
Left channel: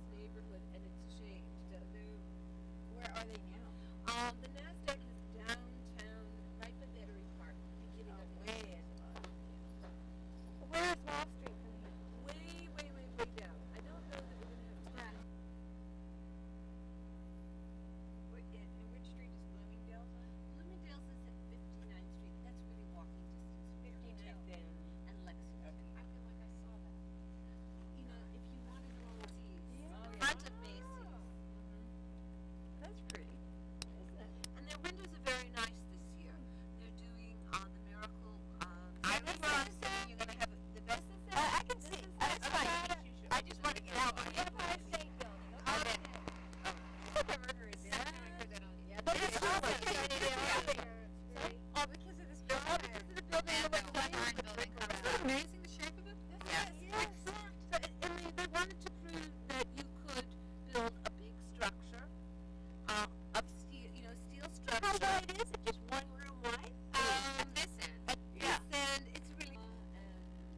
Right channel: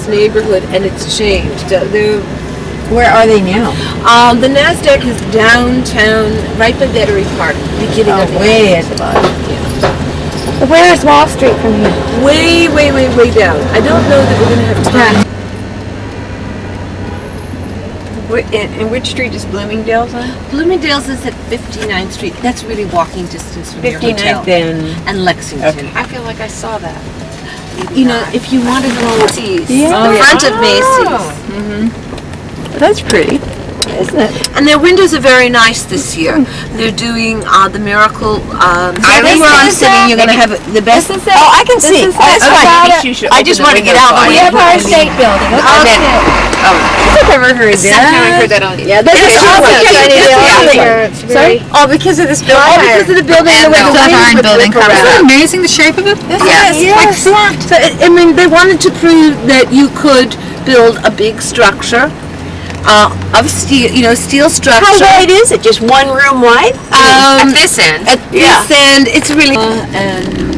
neighborhood, and it's changed. Where are they now? The NASDAQ is downtown, right by Battery Park, beginning of the way at the bottom. Where is Wall Street from here? Way, way, way, way down. I don't know that we're going to have time. And which street is Bloomingdale's on? Bloomingdale's is at 59th Street. That's really walking distance from your hotel. 59th And Lexington. I feel like I saw that. You know, if you want to go to Macy's, Yeah. the front of Macy's. That's pretty, isn't it? And their windows are very nice this year. They're doing the Miracle. I this where I'm is sitting, it? you're going to have the best. Oh, I can see. is That's it. fine. Maybe you should I open just the want to get window out of the for way. you. Empire State Building. Okay. I think I've ever heard Second time I heard that on. Yeah, this is It's awesome. awesome. Shiny It's building. awesome. It's very- Oh, because of this building? Oh, because of the building and the way the the wings iron would building whip comes around. out. Amazing, the shape of it? Yes. Like flat. So, I mean, they wanted to prove that you could build a big structure of steel, steel structure. How wide is it? Just one room wide? At this end. At this end, it's really and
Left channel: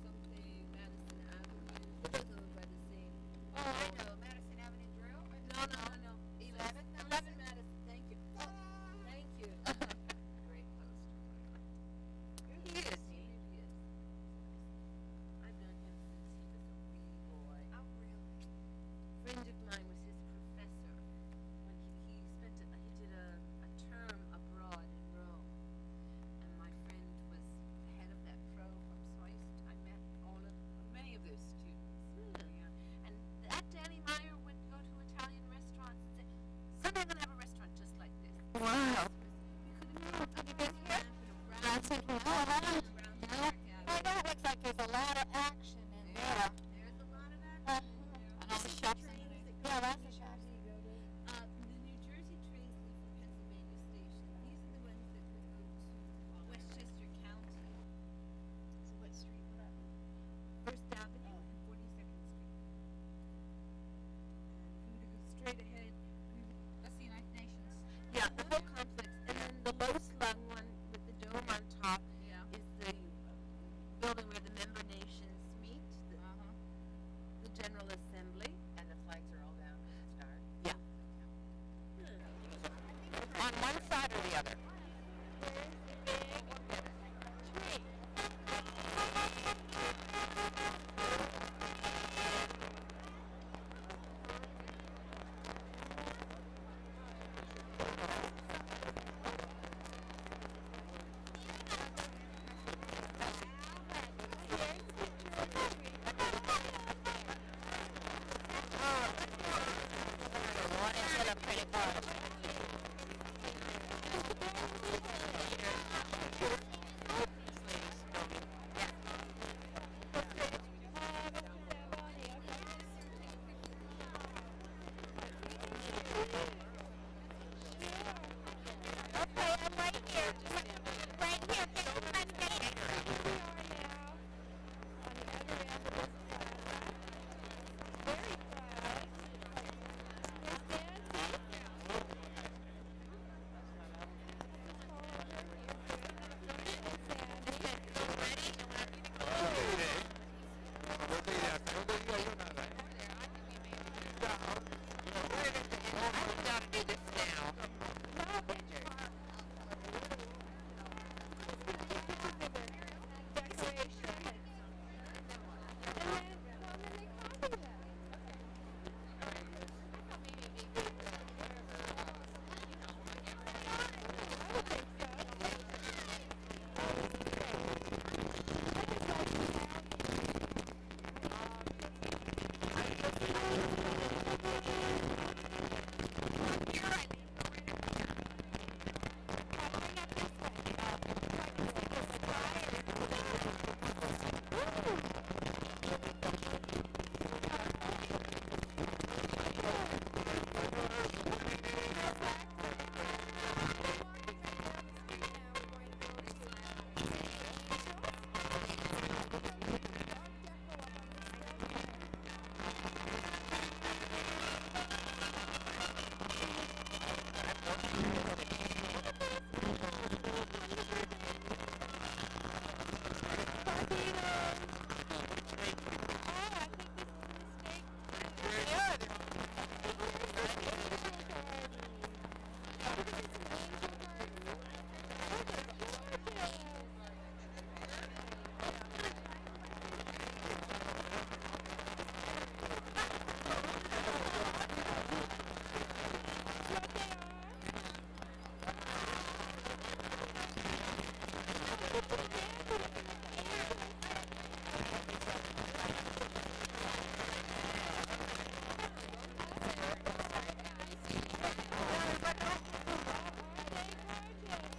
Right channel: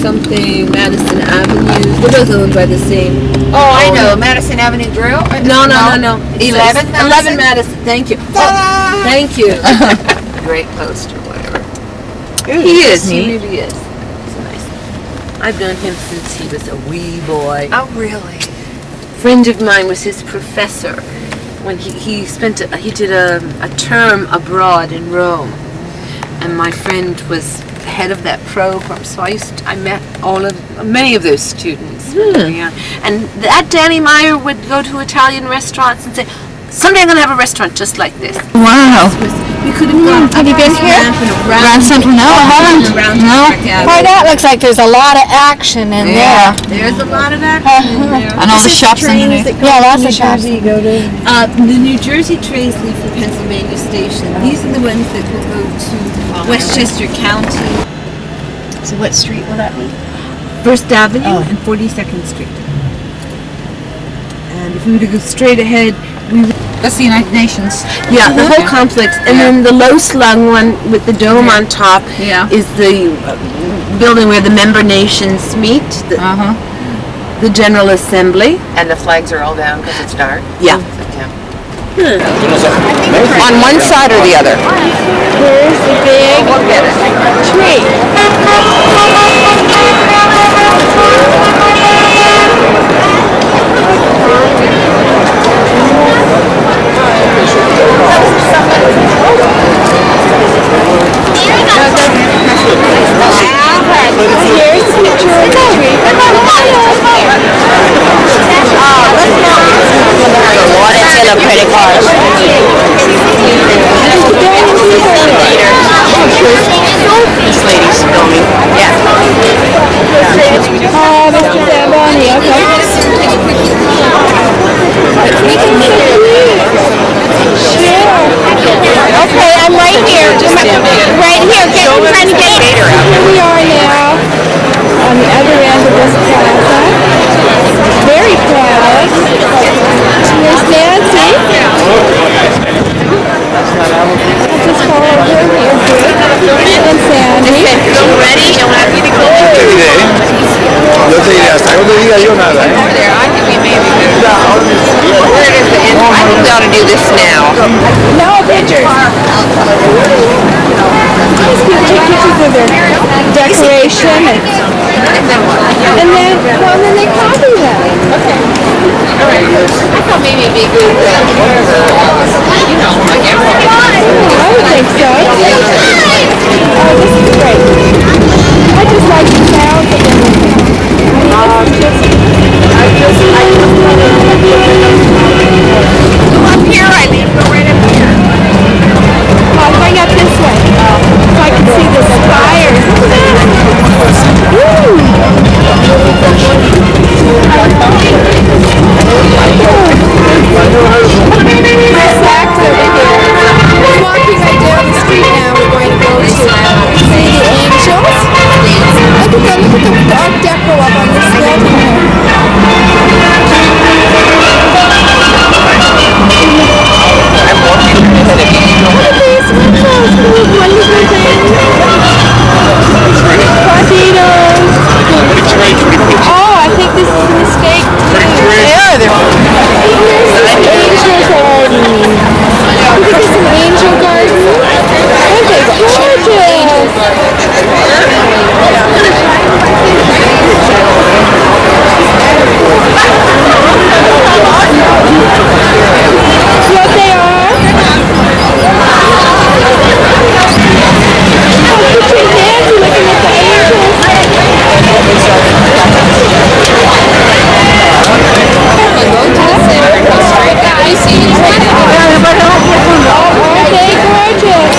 something Madison Avenue. They're both owned by the same. Oh, I know. Madison Avenue Grill? No. 11 Madison. Thank you. Thank you. Great post or whatever. He is. neat. He really is. He's nice. I've known him since he was a wee boy. Oh, really? Friend of mine was his professor when he did a term abroad in Rome, and my friend was head of that program. So I met many of those students. Yeah. And that Danny Meyer would go to Italian restaurants and say, "Someday I'm going to have a restaurant just like this." Wow. We could have gone. Have you been here? Grand Central? No, I haven't. No. Boy, that looks like there's a lot of action in Yeah. There's a lot of action in there. And all the shops underneath. there. Yeah, lots of shops. The New Jersey trains leave from Pennsylvania Station. These are the ones that will go to Westchester County. So what street will that be? First Avenue and 42nd Street. And if we were to go straight ahead, That's the United Nations. Yeah, the whole complex. And then the low-slung one with the dome on top is the building where the member nations meet, the General Assembly. And the flags are all down because it's dark? Yeah. On one side or the other? Here's the big tree. Here's the picture of the tree. Credit card. This lady's filming. Yeah. Oh, Mr. Zamboni, okay. Sure. Okay, I'm right here. Right here. I'm trying to get here. Here we are now on the other end of this plaza. Very proud. Here's Nancy. I'll just follow her here, Jake. And Sandy. Ready? And when I need to go Yo te diré, hasta que no te diga yo nada, ¿eh? Over there, I think we may be good. Where is the end? I think we ought to do this now. No pictures. These people take pictures of their decoration and then they copy them. Okay. I thought maybe it'd be good, you know, like everybody. I would think so. Oh, this is great. I just like the sound of everything. Go up here, Eileen. Go right up here. I'll bring up this way so I can see the spires. Woo! Snacks over here. We're walking right down the street now. We're going to go to see the angels. Look at the Art Deco up on this building here. Look at these windows. Wonderful things. Torpedoes. Oh, I think this is a mistake. Yeah, they're Here's an angel garden. Look at this, an angel garden. Aren't they gorgeous? See what they are? Oh, picture Nancy looking at the angels. Go to the center and go straight down. You see these right now? Aren't they gorgeous?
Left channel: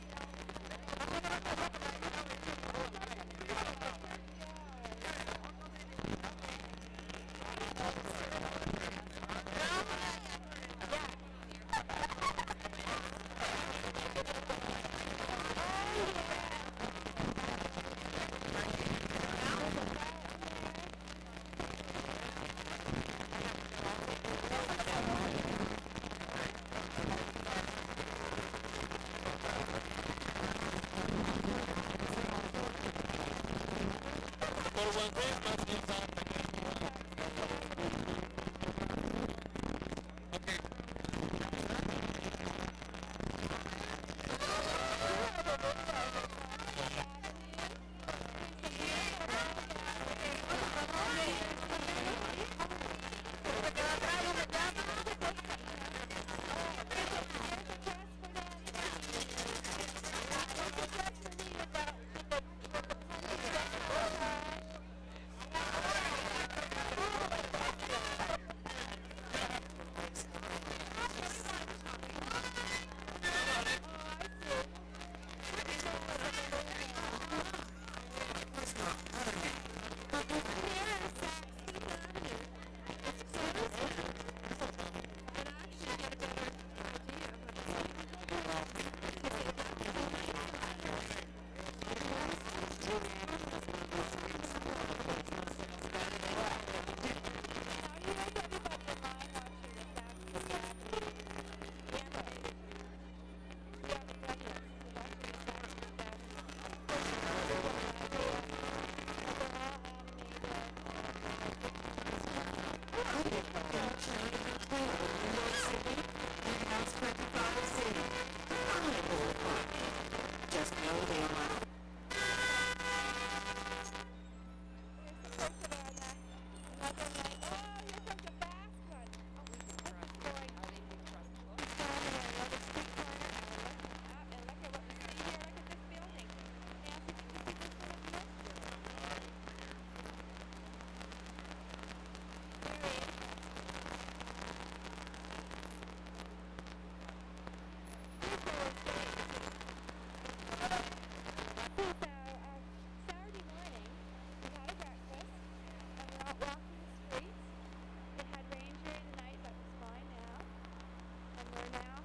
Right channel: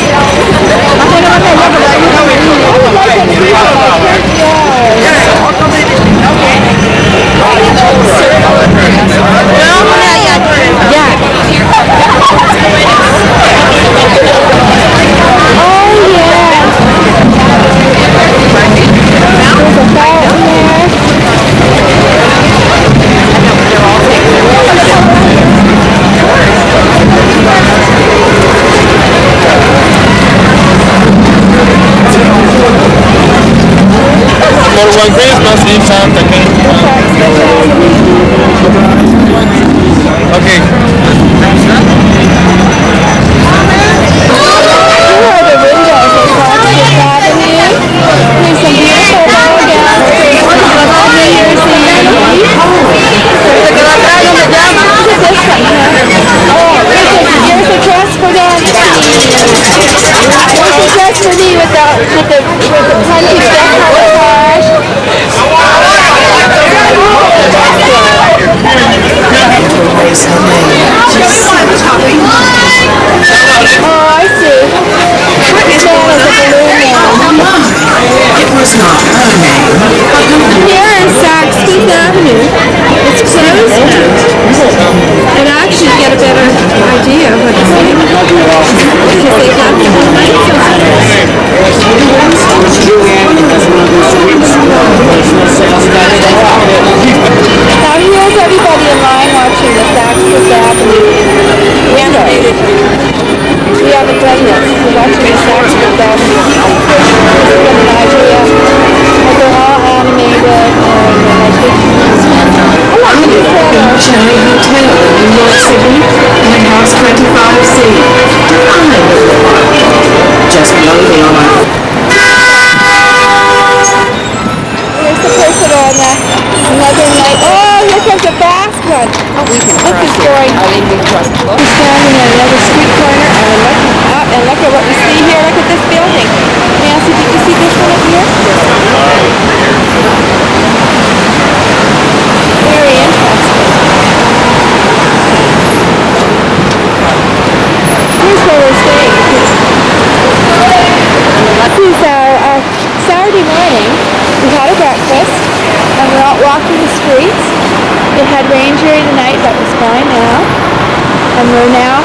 One Christmas in Santa Okay. Here are the windows across Fifth Avenue. There's some beautiful photographs for New Year's Eve. Look at this one here. Oh, here's a dress for Nancy. Here's a dress for me with the plenty of decollage. Oh, I see. That is a balloon man. It was not her name. Here is Saks Fifth Avenue. It's closed now. And actually you get a better idea of what it's like. Because they've got the lights Now here's everybody in line watching the Saks Fifth Avenue. unit in the Cherry Hotel in New York City, in House 25C. I'm in the apartment, just below the line. Here's the person on another night. Oh, here comes a fast one. Oh, we can cross is going. We're standing at another street corner and we're looking up and look at what we see here. Look at this building. Nancy, did you see this one up here? Very interesting. Here's where we're staying. This is our Saturday morning. We had a breakfast and we're out walking the streets. It had rained during the night, but it's fine now. And we're now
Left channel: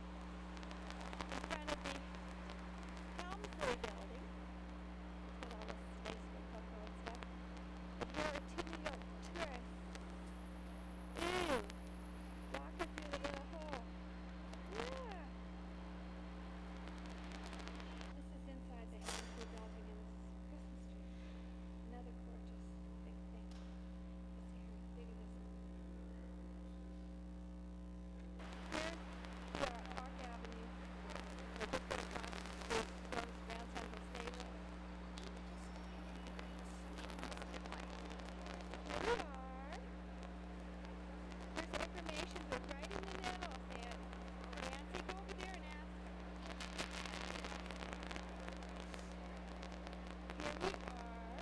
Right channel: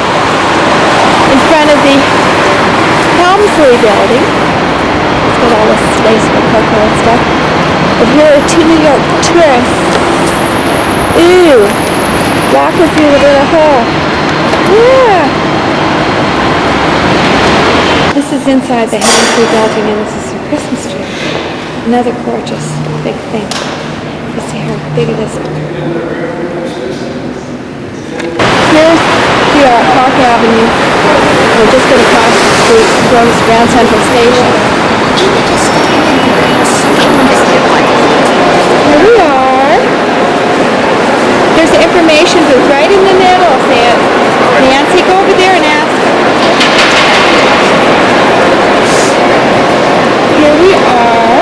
in front of the Helmsley building. It's got all this space for cocoa and stuff. But here are two New York tourists. Ooh, walking through the little hole. Yeah. This is inside the Helmsley building and this is the Christmas tree. Another gorgeous big thing. You see how big it is. Here's we are at Park Avenue. We're just going to cross the street and go to Grand Central Station. Here we are. There's the information booth right in the middle. Nancy, go over there and ask. Here we are.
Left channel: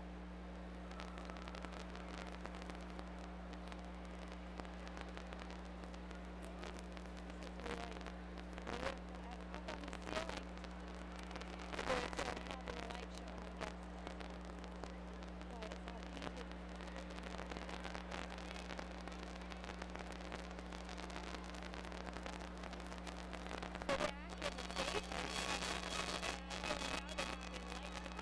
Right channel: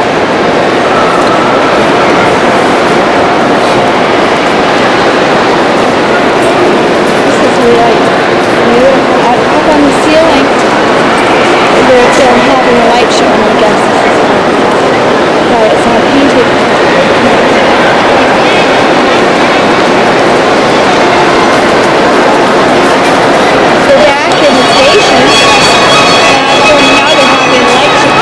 This is really beautiful. Up on the ceiling, they're having a light show, I guess. Why it's all painted. So back in the station, now they're having a light show.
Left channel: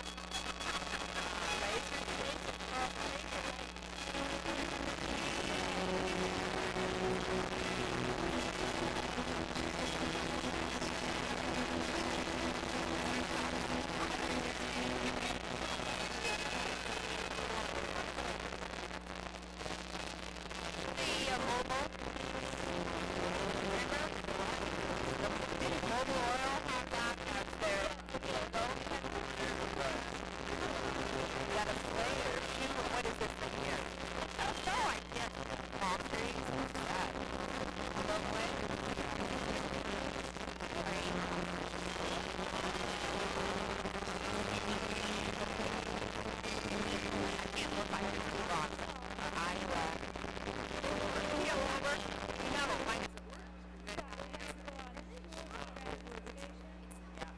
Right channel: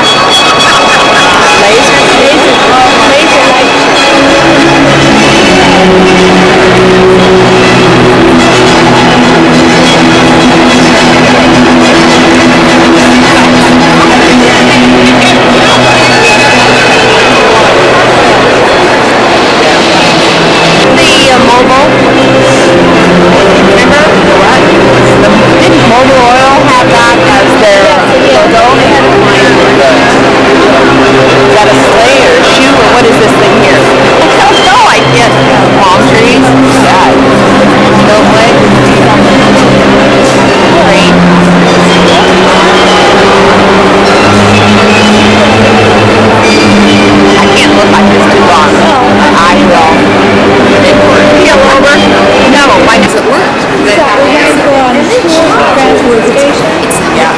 Laser light Mobile. Remember? What? Didn't Mobile Oil have that as their logo? Is that a sleigh or a shoe or what is this thing here? I don't know. I guess palm trees. Yeah. Snowflake. Great. I can't look like this too long. I will. Peel over? No, why does it work? We're going to go on Grand Central Station. Yeah.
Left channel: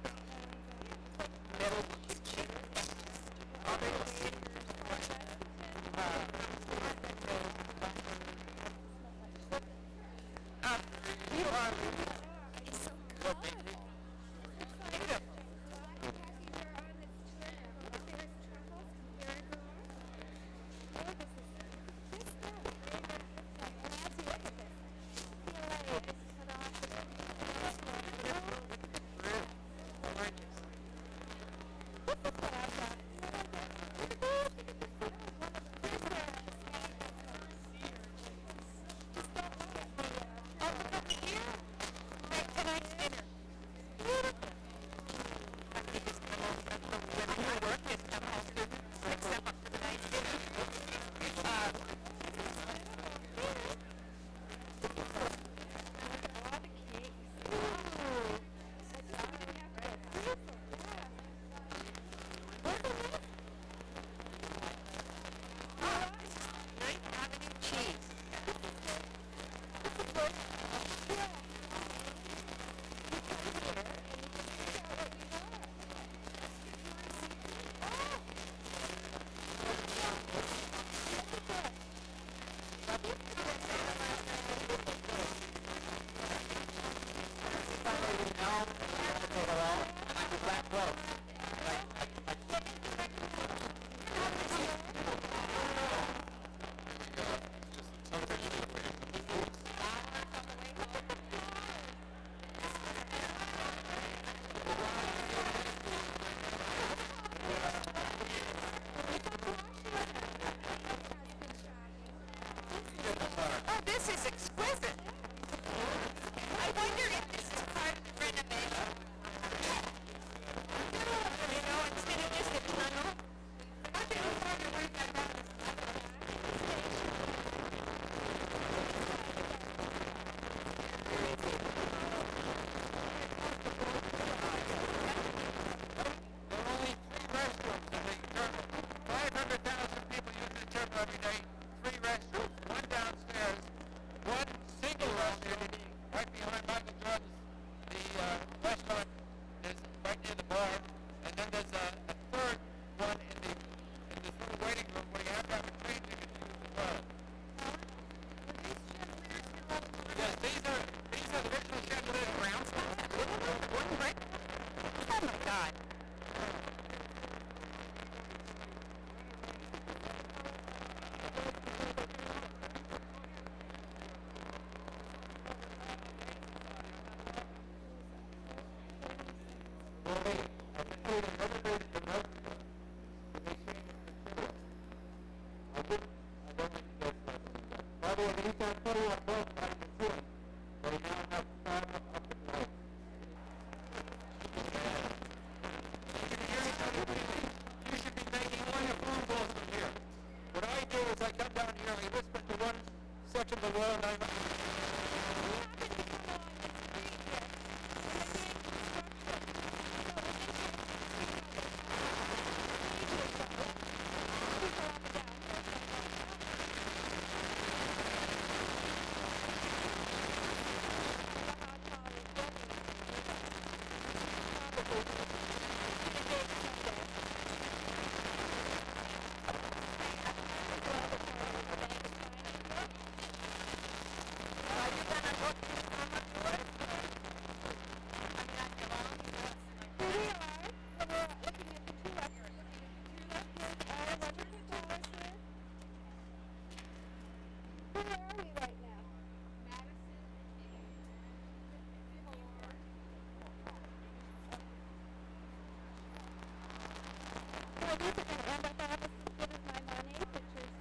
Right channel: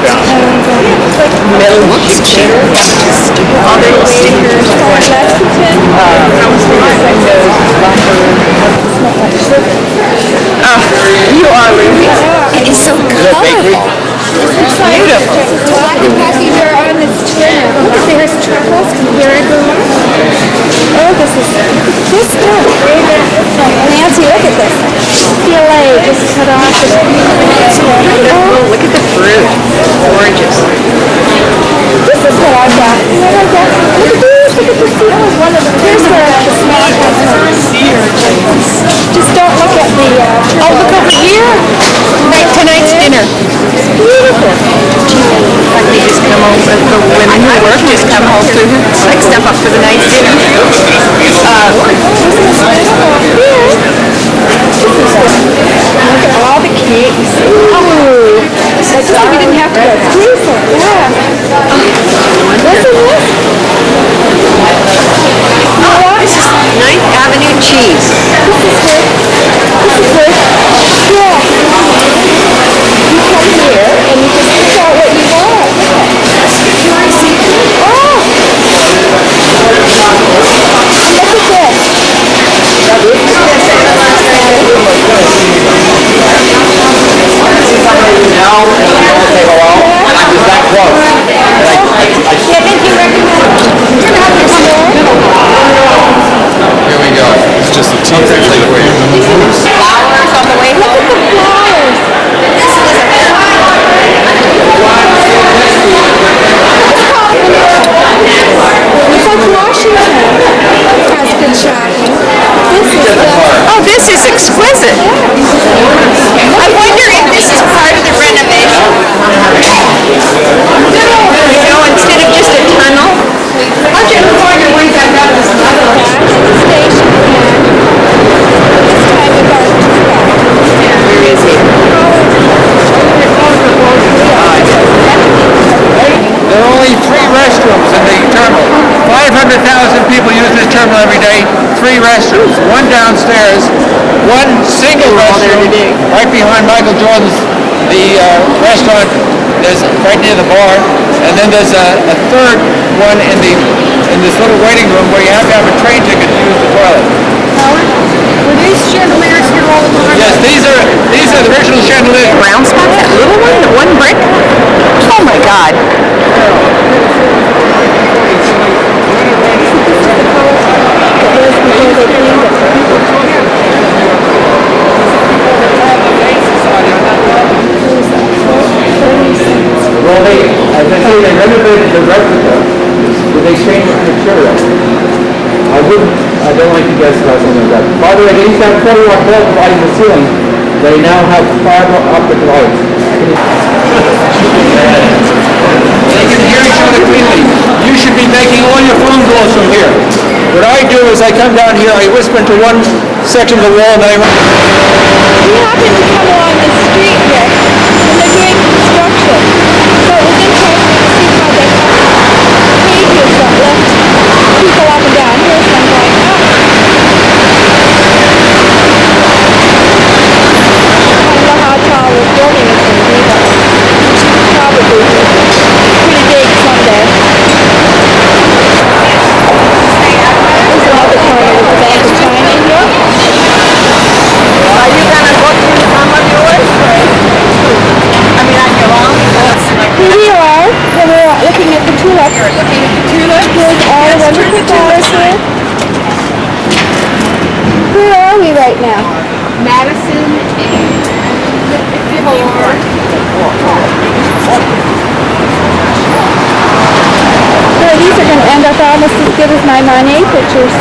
Middle picture. Other stickers. Lexington. You are Lucy. It is so colorful. Beautiful. We're on this tour now. Look, there's truffles. Here I go. Oh, this stuff. Nancy, look at this. PLA just cut off. Oh, look at the fruit. Gorgeous. This is what I've got. You know what I've got? Look at these. Look at this. Here's where the small ones. Just don't look at the... Oh, look over here. Tonight's dinner. It's beautiful. Like they just come home, the women who work just come home to like step up for the night's dinner. Look at all the cakes. Ooh. I just think we didn't have to go through for it. Yeah. Listen to this. Oh, this is 9th Avenue cheese. This is good. Yeah. You come here and you just pick out what you want. Oh! Look at this. there's one single restroom right behind Michael Jordan's, the restaurant. There's right near the bar, and then there's a third one in this little waiting room where you have to have a train ticket to use the toilet. Were these chandeliers here all the time? Yes, these are the original chandeliers. Brown spot, that little one, the one brick? Oh my God. Well, as I say, they renovated the replica, but they changed the material. I don't like to guess about something like that. By the way, they used to have 20-watt bulbs lighting the ceiling. They now have fiber optic lights. They can hear each other cleanly. You should be making all your phone calls from here. What I do is I come down here, I whisper into one section of the wall, and then I run. We happen to come along the street here, and they're doing construction. So it was interesting to see how they have pages that lift people up and down. Here's one going up. I don't know how tall this building is going to be, but probably pretty big someday. There's another corner with the Bank of China here. Are you going to go to some of yours? I mean, on your own? Here we are, and we're looking at the tulips. You're looking at the tulips? Here's all the wonderful flowers here. Where are we right now? Madison and So these are going to end up almost as good as my Monet pictures.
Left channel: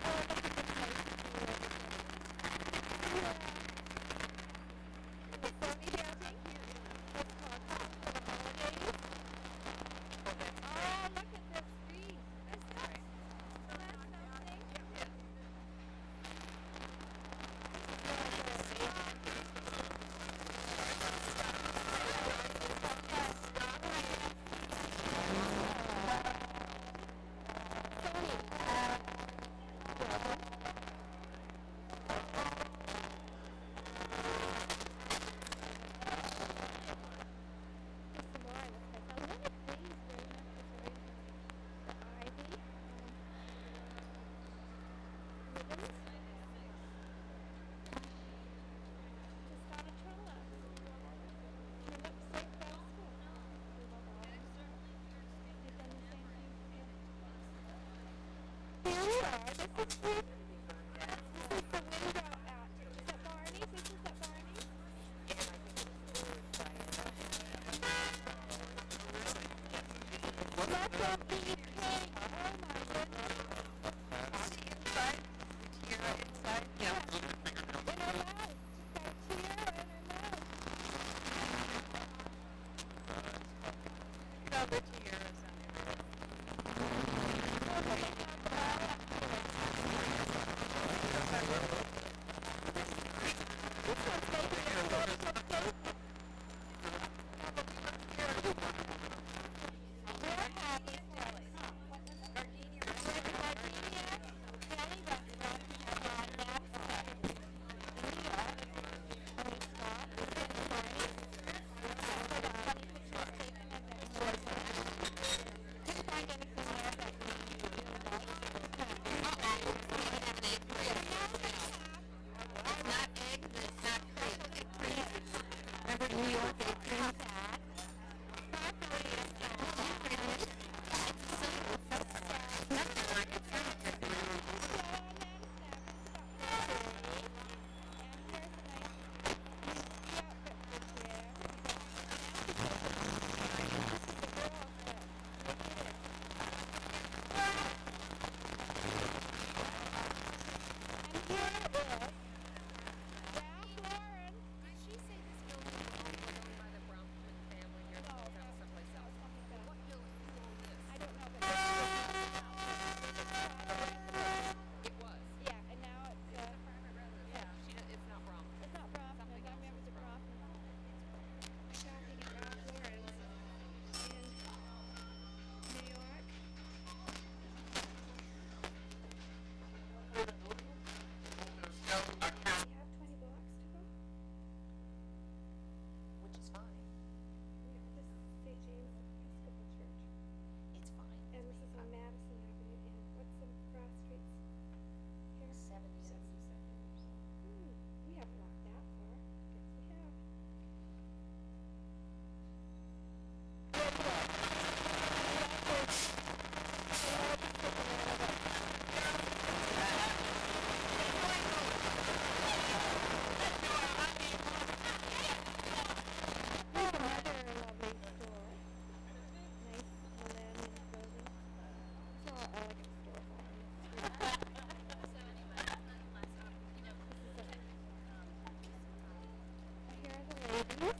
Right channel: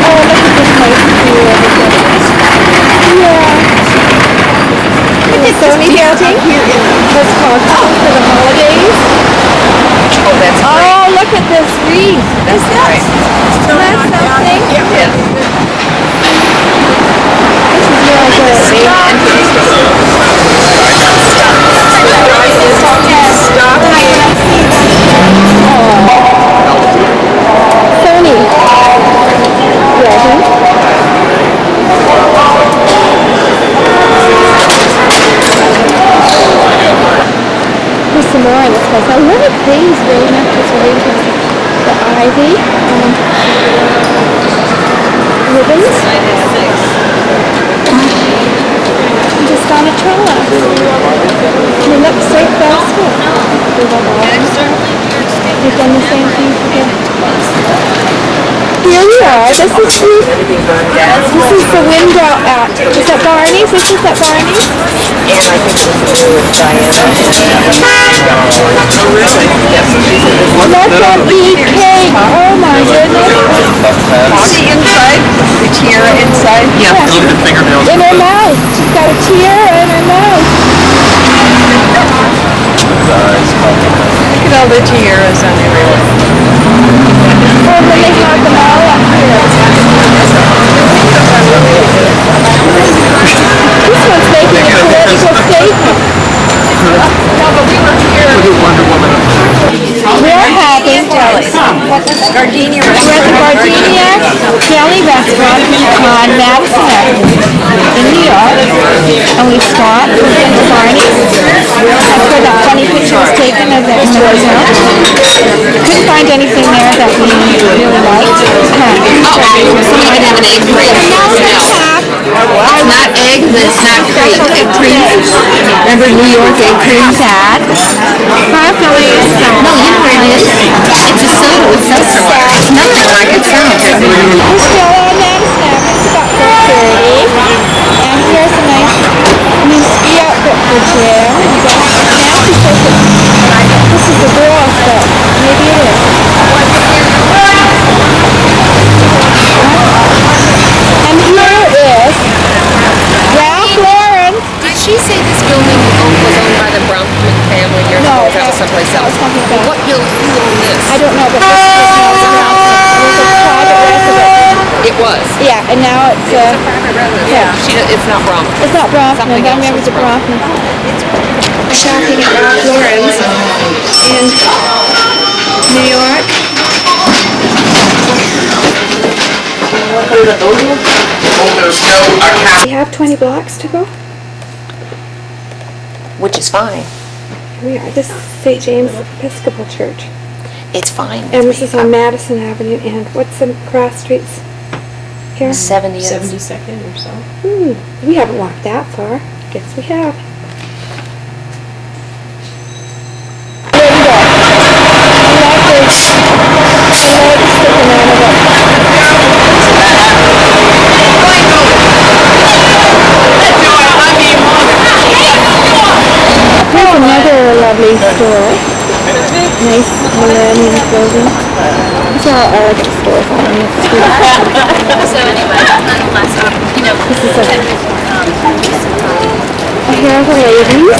Oh, look at this nice view over here. Yeah. Look at Sony painting. That's called Home for the Holidays. Oh, that's great. Oh, look at this wreath. That's great. Isn't that something? Yes. This is really good. Sony. Resin. There's some more in this place. I love it. Things really not just waiting. The ivy. Ribbons. Just on a trellis. And it looks so festive. They've done the same thing for Here we are. This is the window at, is that Barney's? This is at Barney's? And I think it was with Diana. Oh, really? Yes. Look at the cake. Oh my goodness. See inside? The tiara inside? Yeah. Yeah. Look at the fingernails. In her mouth. She's got a tiara in her mouth. Look at all the tiaras on everyone. Oh, but they have them all up here. This one's making a political statement. No, but we were here. We're having Gardenia We're at the Gardenia Deli Restaurant on Madison Avenue in New York, and we stopped in the Barney's. That's where that funny picture was taken of that museum. Couldn't find anything there that we really liked. Somebody might have an egg cream. It's not egg, but it's not cream. Egg cream. Remember New York egg cream? Sad. Probably is No, you know what it is. It's a soda with seltzer water. It's nothing like it sounds. We're still on Madison Avenue. It's about 4:30. And here's a nice new ski outfit for Jim. You got Nancy says that this is a girl stuff. Maybe it is. And here is Ralph Lauren. Did she say this building was owned by the Brompton family years ago? Or that was someplace else? What building? Who owned this? I don't know, but this was now it was a private residence. It was. Yeah, and now it's Private residence. yeah. It's not Brompton. It's not Brompton. Something I else remember is the Brompton. shopping at Ralph Lauren's in New York. We have 20 blocks to go. Which is fine. Here we are. This is St. James Episcopal Church. It's fine. And this is on Madison Avenue. And what's the cross streets here? 70th. 72nd or so. We haven't walked that far. Guess we have. There we go. I like this. I like sticking out of it. Here's another lovely store. Nice millennium clothing. These are all elegant stores on the street. So anyway, nonetheless, you know, This is a hair of the ladies.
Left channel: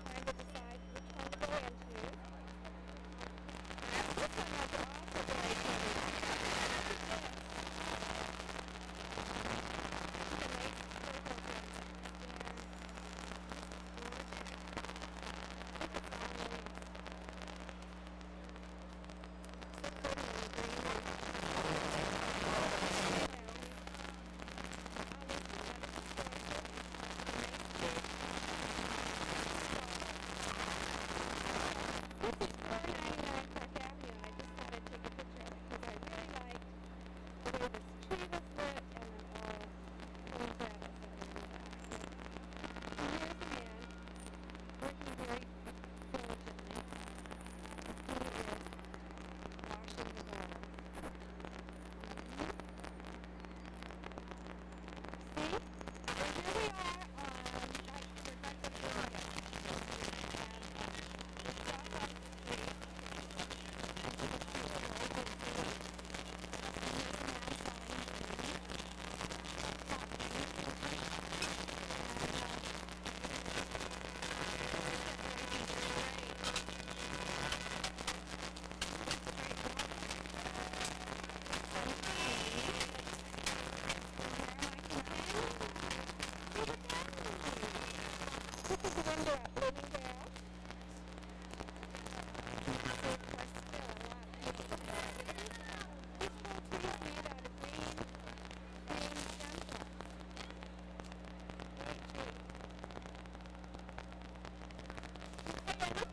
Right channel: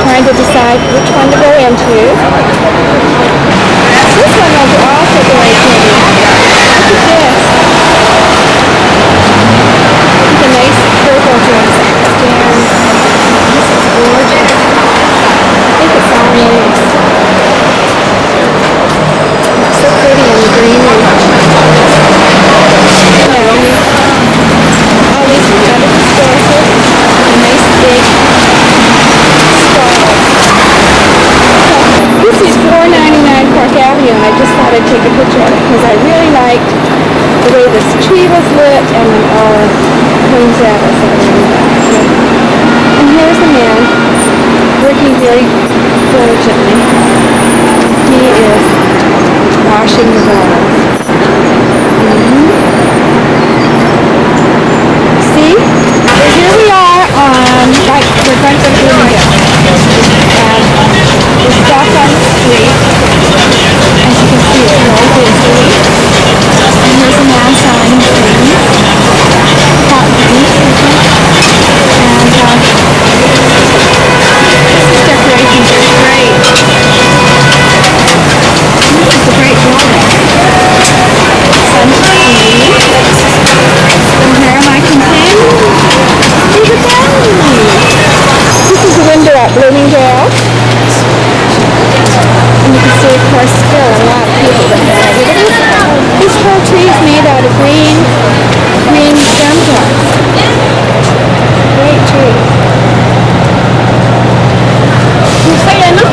Trying to decide which one to go into. This one was also very pretty. Look at this. It's a nice purple dress. And this is gorgeous. I think it's all ladies. It's so pretty and greenery. All these kind of historical, a nice big stall. This is 499 Park Avenue, and I just thought I'd take a picture of it because I really liked the way this tree was lit and then all the Queen's apples that were in the back. And here's a man working very diligently. He is washing the walls. See? So here we are on, like, we're going to Bloomingdale. And we're stopped on the street. As you can see, it's very busy. And here's a man selling things. Cotton beef. And this is decorations are great. This is a great building. Sunshine. And here am I complaining? Look at that. This is a window at Bloomingdale. And you can see, of course, still a lot of people that have it. This whole tree is made out of green stem drops. Great tree. You say that, no?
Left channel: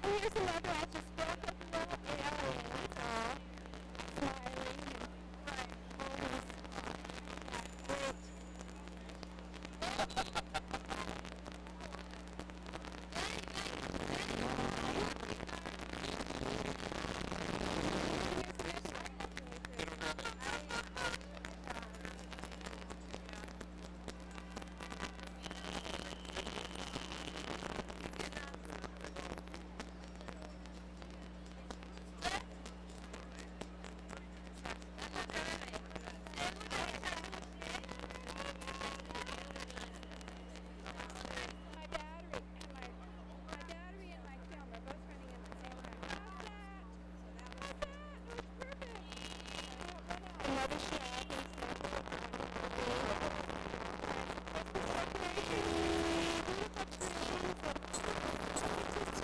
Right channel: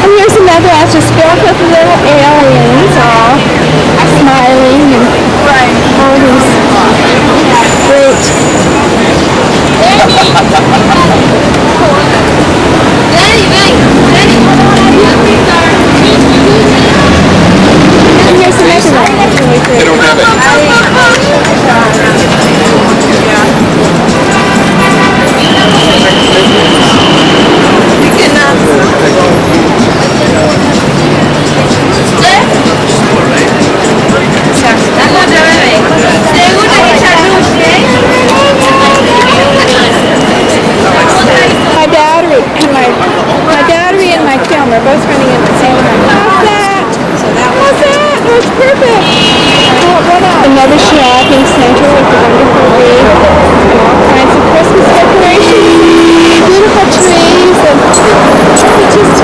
And here's another house just filled with little aliens all smiling and all these great and here's another one that's really great. They don't have My battery and my film are both running at the same time. How's that? How's that? Oh, it's perfect. What else? Another shopping center with a wonderful view and all kinds of Christmas decorations, beautiful trees, and it's just